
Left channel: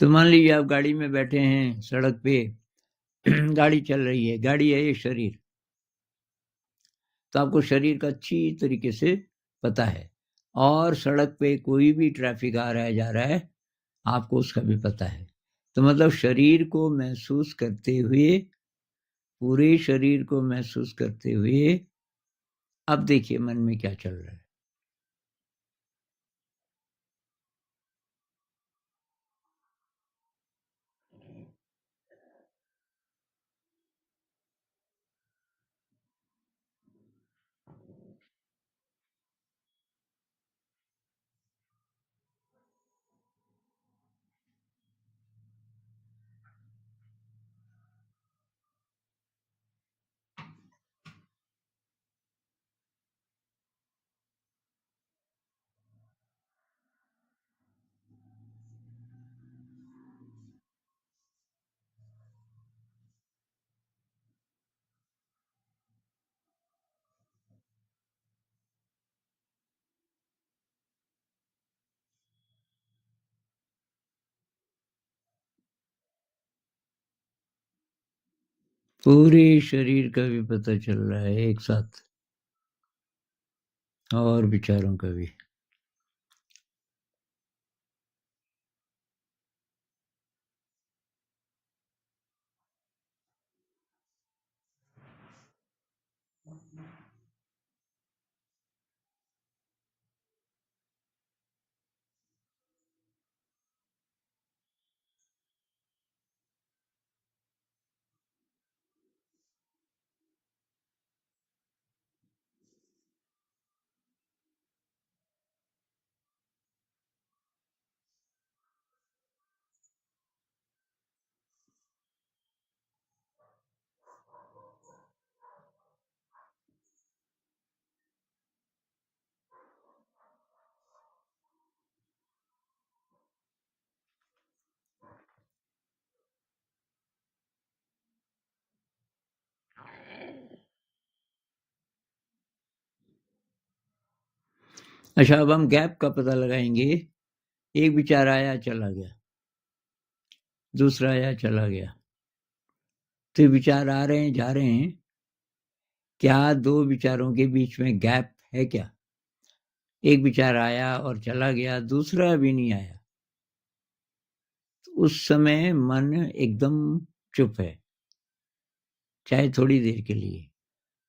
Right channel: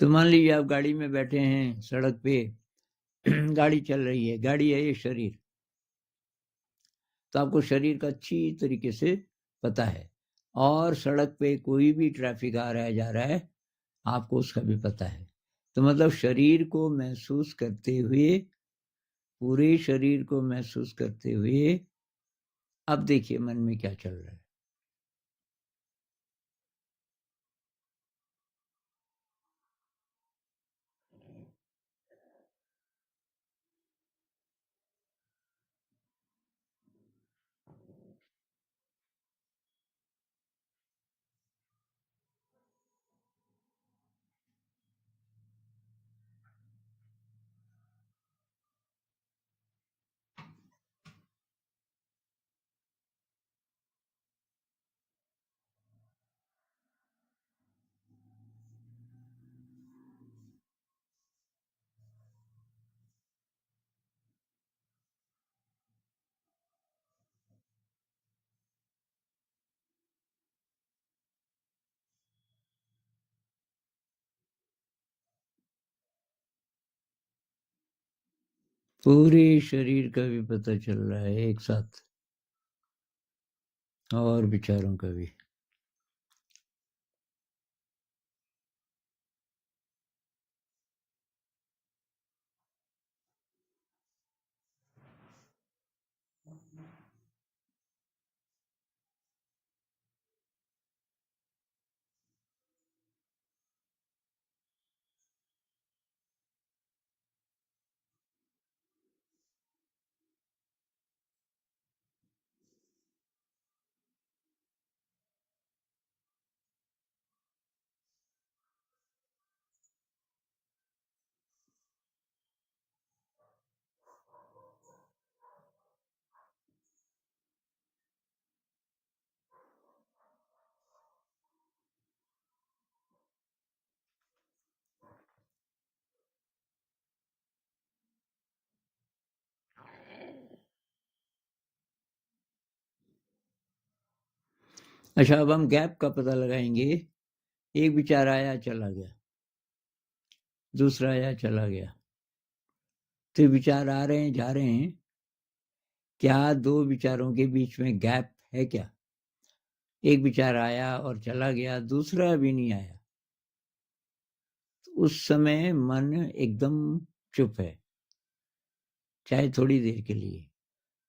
तो मान लीजिए आप गाड़ी में बैठे हैं, सड़क पे गाड़ी चल रही है, गाड़ी है ये शरीर, तो आपको शरीर का अच्छी तरीके से पता है, और सड़क पे कोई भी ट्रैफिक आ रहा है जा रहा है, आपको उसका भी पता है। तो मतलब शरीर को महसूस करते हुए, पूरे शरीर को महसूस करते हुए, अब देखिए मन में क्या चल रहा है। पूरे शरीर का भी पता चल रहा है एक साथ, और विचारों का भी। अच्छा, अब हम गैप का पता लगाएंगे एक विचार आया चला गया, दूसरा आया चला गया, तो विचार आ रहे हैं जा रहे हैं, क्या दो विचारों के बीच में गैप है क्या? एक विचार आया और चला गया, दूसरा भी नहीं आया, तो उस समय मन एकदम चुप है, चाहे थोड़ी देर के लिए।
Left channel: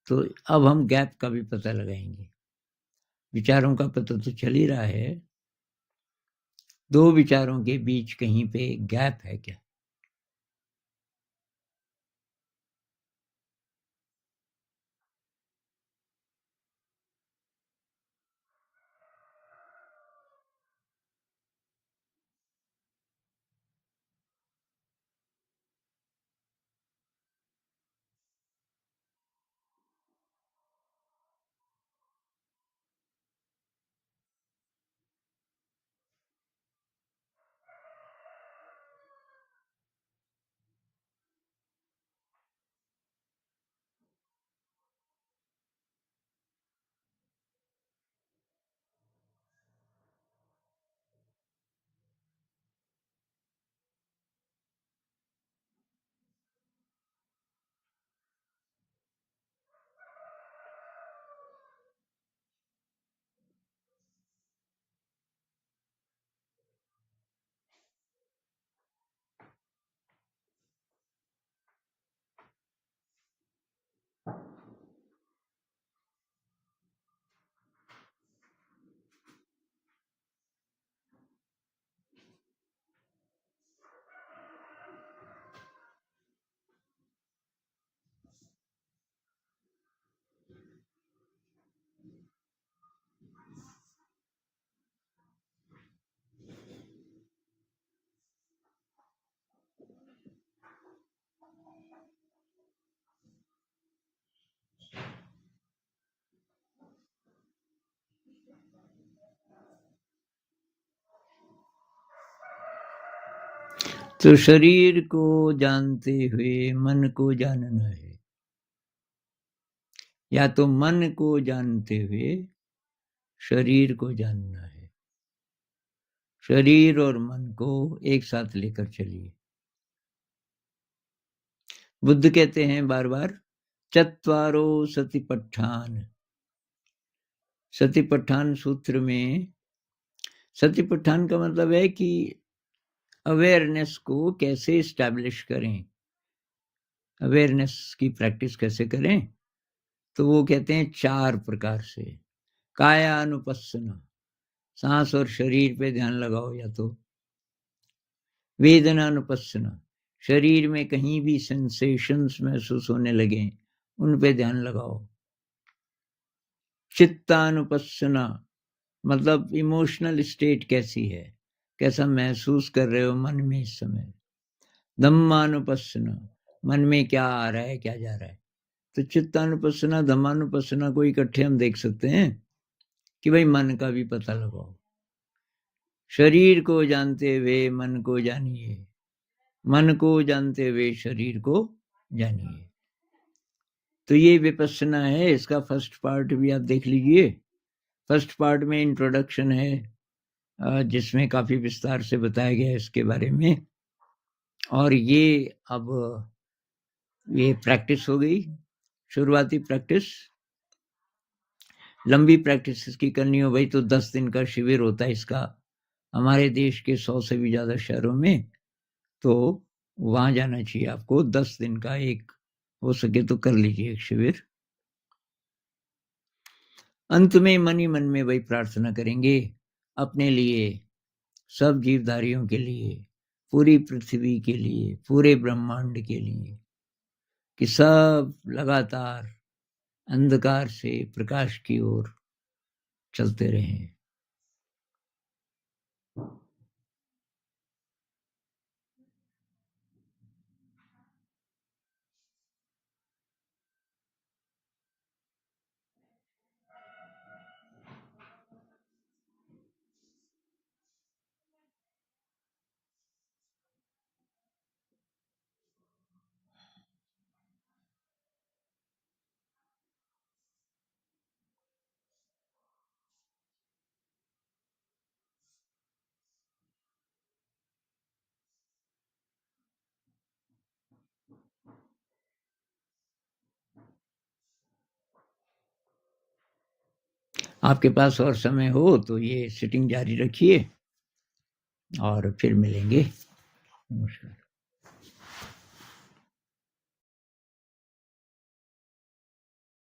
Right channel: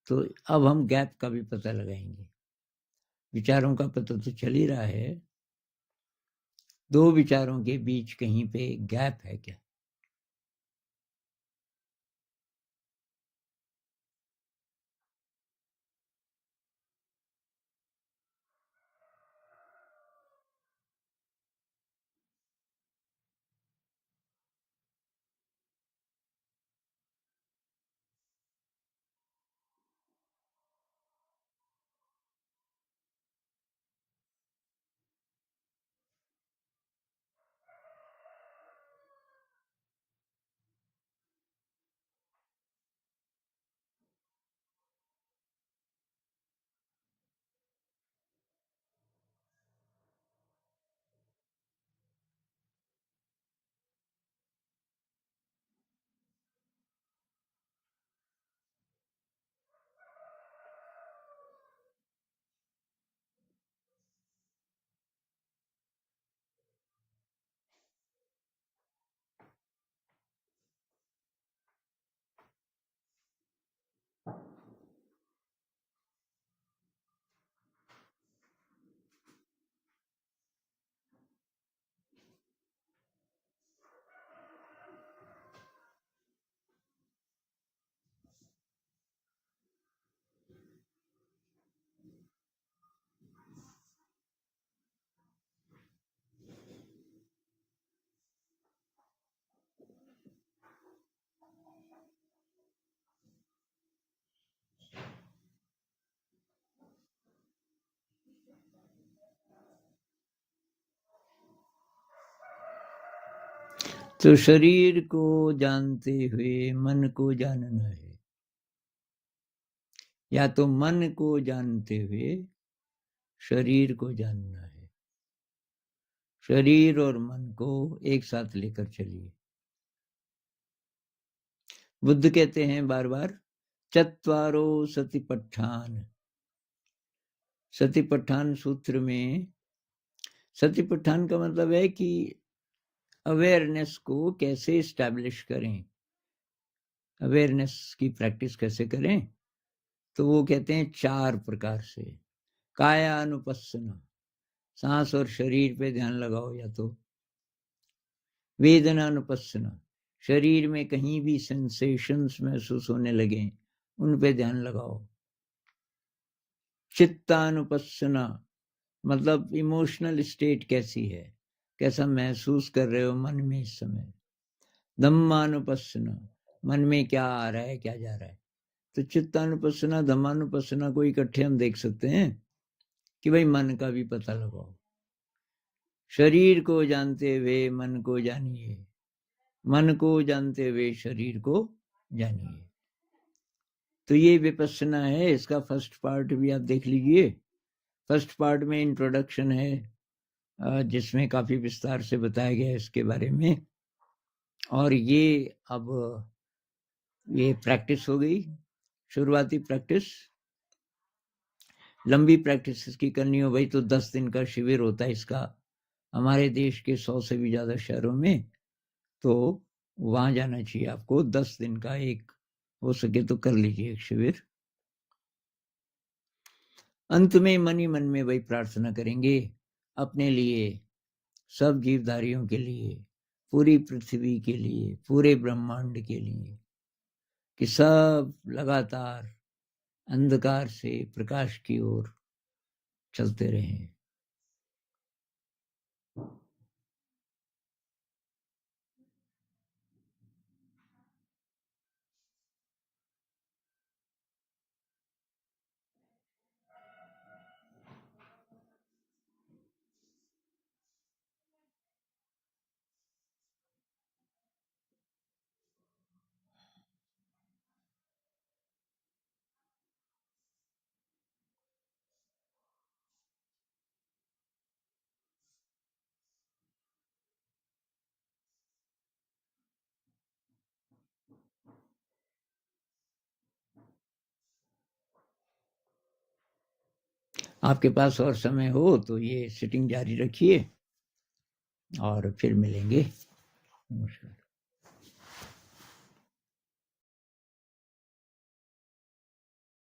तो अब हम गैप का भी पता लगाएंगे। विचारों का पता तो चल ही रहा है, दो विचारों के बीच कहीं पे गैप है क्या? तो शरीर को जानते हुए मन को जानना है, या तो मन को जानते हुए शरीर को जानना है। शरीर और मन को एक साथ लेकर चलिए। बुद्ध कहते हैं बार बार, चत्वारो सतिपट्ठान। सतिपट्ठान सूत्र में सतिपट्ठान का मतलब है कि अवेयरनेस को कैसे स्टैब्लिश करें, अवेयरनेस की प्रैक्टिस कैसे करें। तो वो कहते हैं 4 प्रकार से। कायानुपस्सना, सांस और शरीर पे ध्यान लगाओ, या तो वेदनानुपस्सना, शरीर में कहीं भी सेंसेशंस महसूस होने लगे उन पे ध्यान लगाओ। चित्तानुपस्सना, मतलब इमोशनल स्टेट कैसी है, कैसा महसूस कर रहे हो मन में इस समय। धम्मानुपस्सना, मन में क्या आ रहा है क्या जा रहा है। तो चित्तानुपस्सना धम्मानुपस्सना को इकट्ठे हम देख सकते हैं कि भाई मन का भी पता लगाओ। शरीर को जानते हुए मन को जानिए, मन को जानते हुए शरीर को जानिए। तो ये विपस्सना है, इसका फर्स्ट पार्ट भी आप देख लीजिए। फर्स्ट पार्ट में इंट्रोडक्शन है जिसमें काफी विस्तार से बताया गया है इसके बारे में। और ये अब ये प्रैक्टिस हो गई, शुरुआती प्रैक्टिस। लंबी प्रैक्टिस इसकी करनी हो भाई तो 10 दिन का शिविर होता है इसका, हमारे देश के 100 से भी ज्यादा शहरों में। तो वहां जाना चाहिए आपको, 10 दिन का एक हो सके तो कर लीजिए एक शिविर। अंत में मन ही मन में वही प्रार्थना करेंगे अपने लिए, सब जीवधारियों के लिए, पूरी पृथ्वी के लिए, पूरे ब्रह्मांड के लिए, कि सब लगातार अंधकार से प्रकाश की ओर चलते रहें। आपके पास और समय हो तो ये सिटिंग जारी रखिए और फिर मिलेंगे। नमस्कार।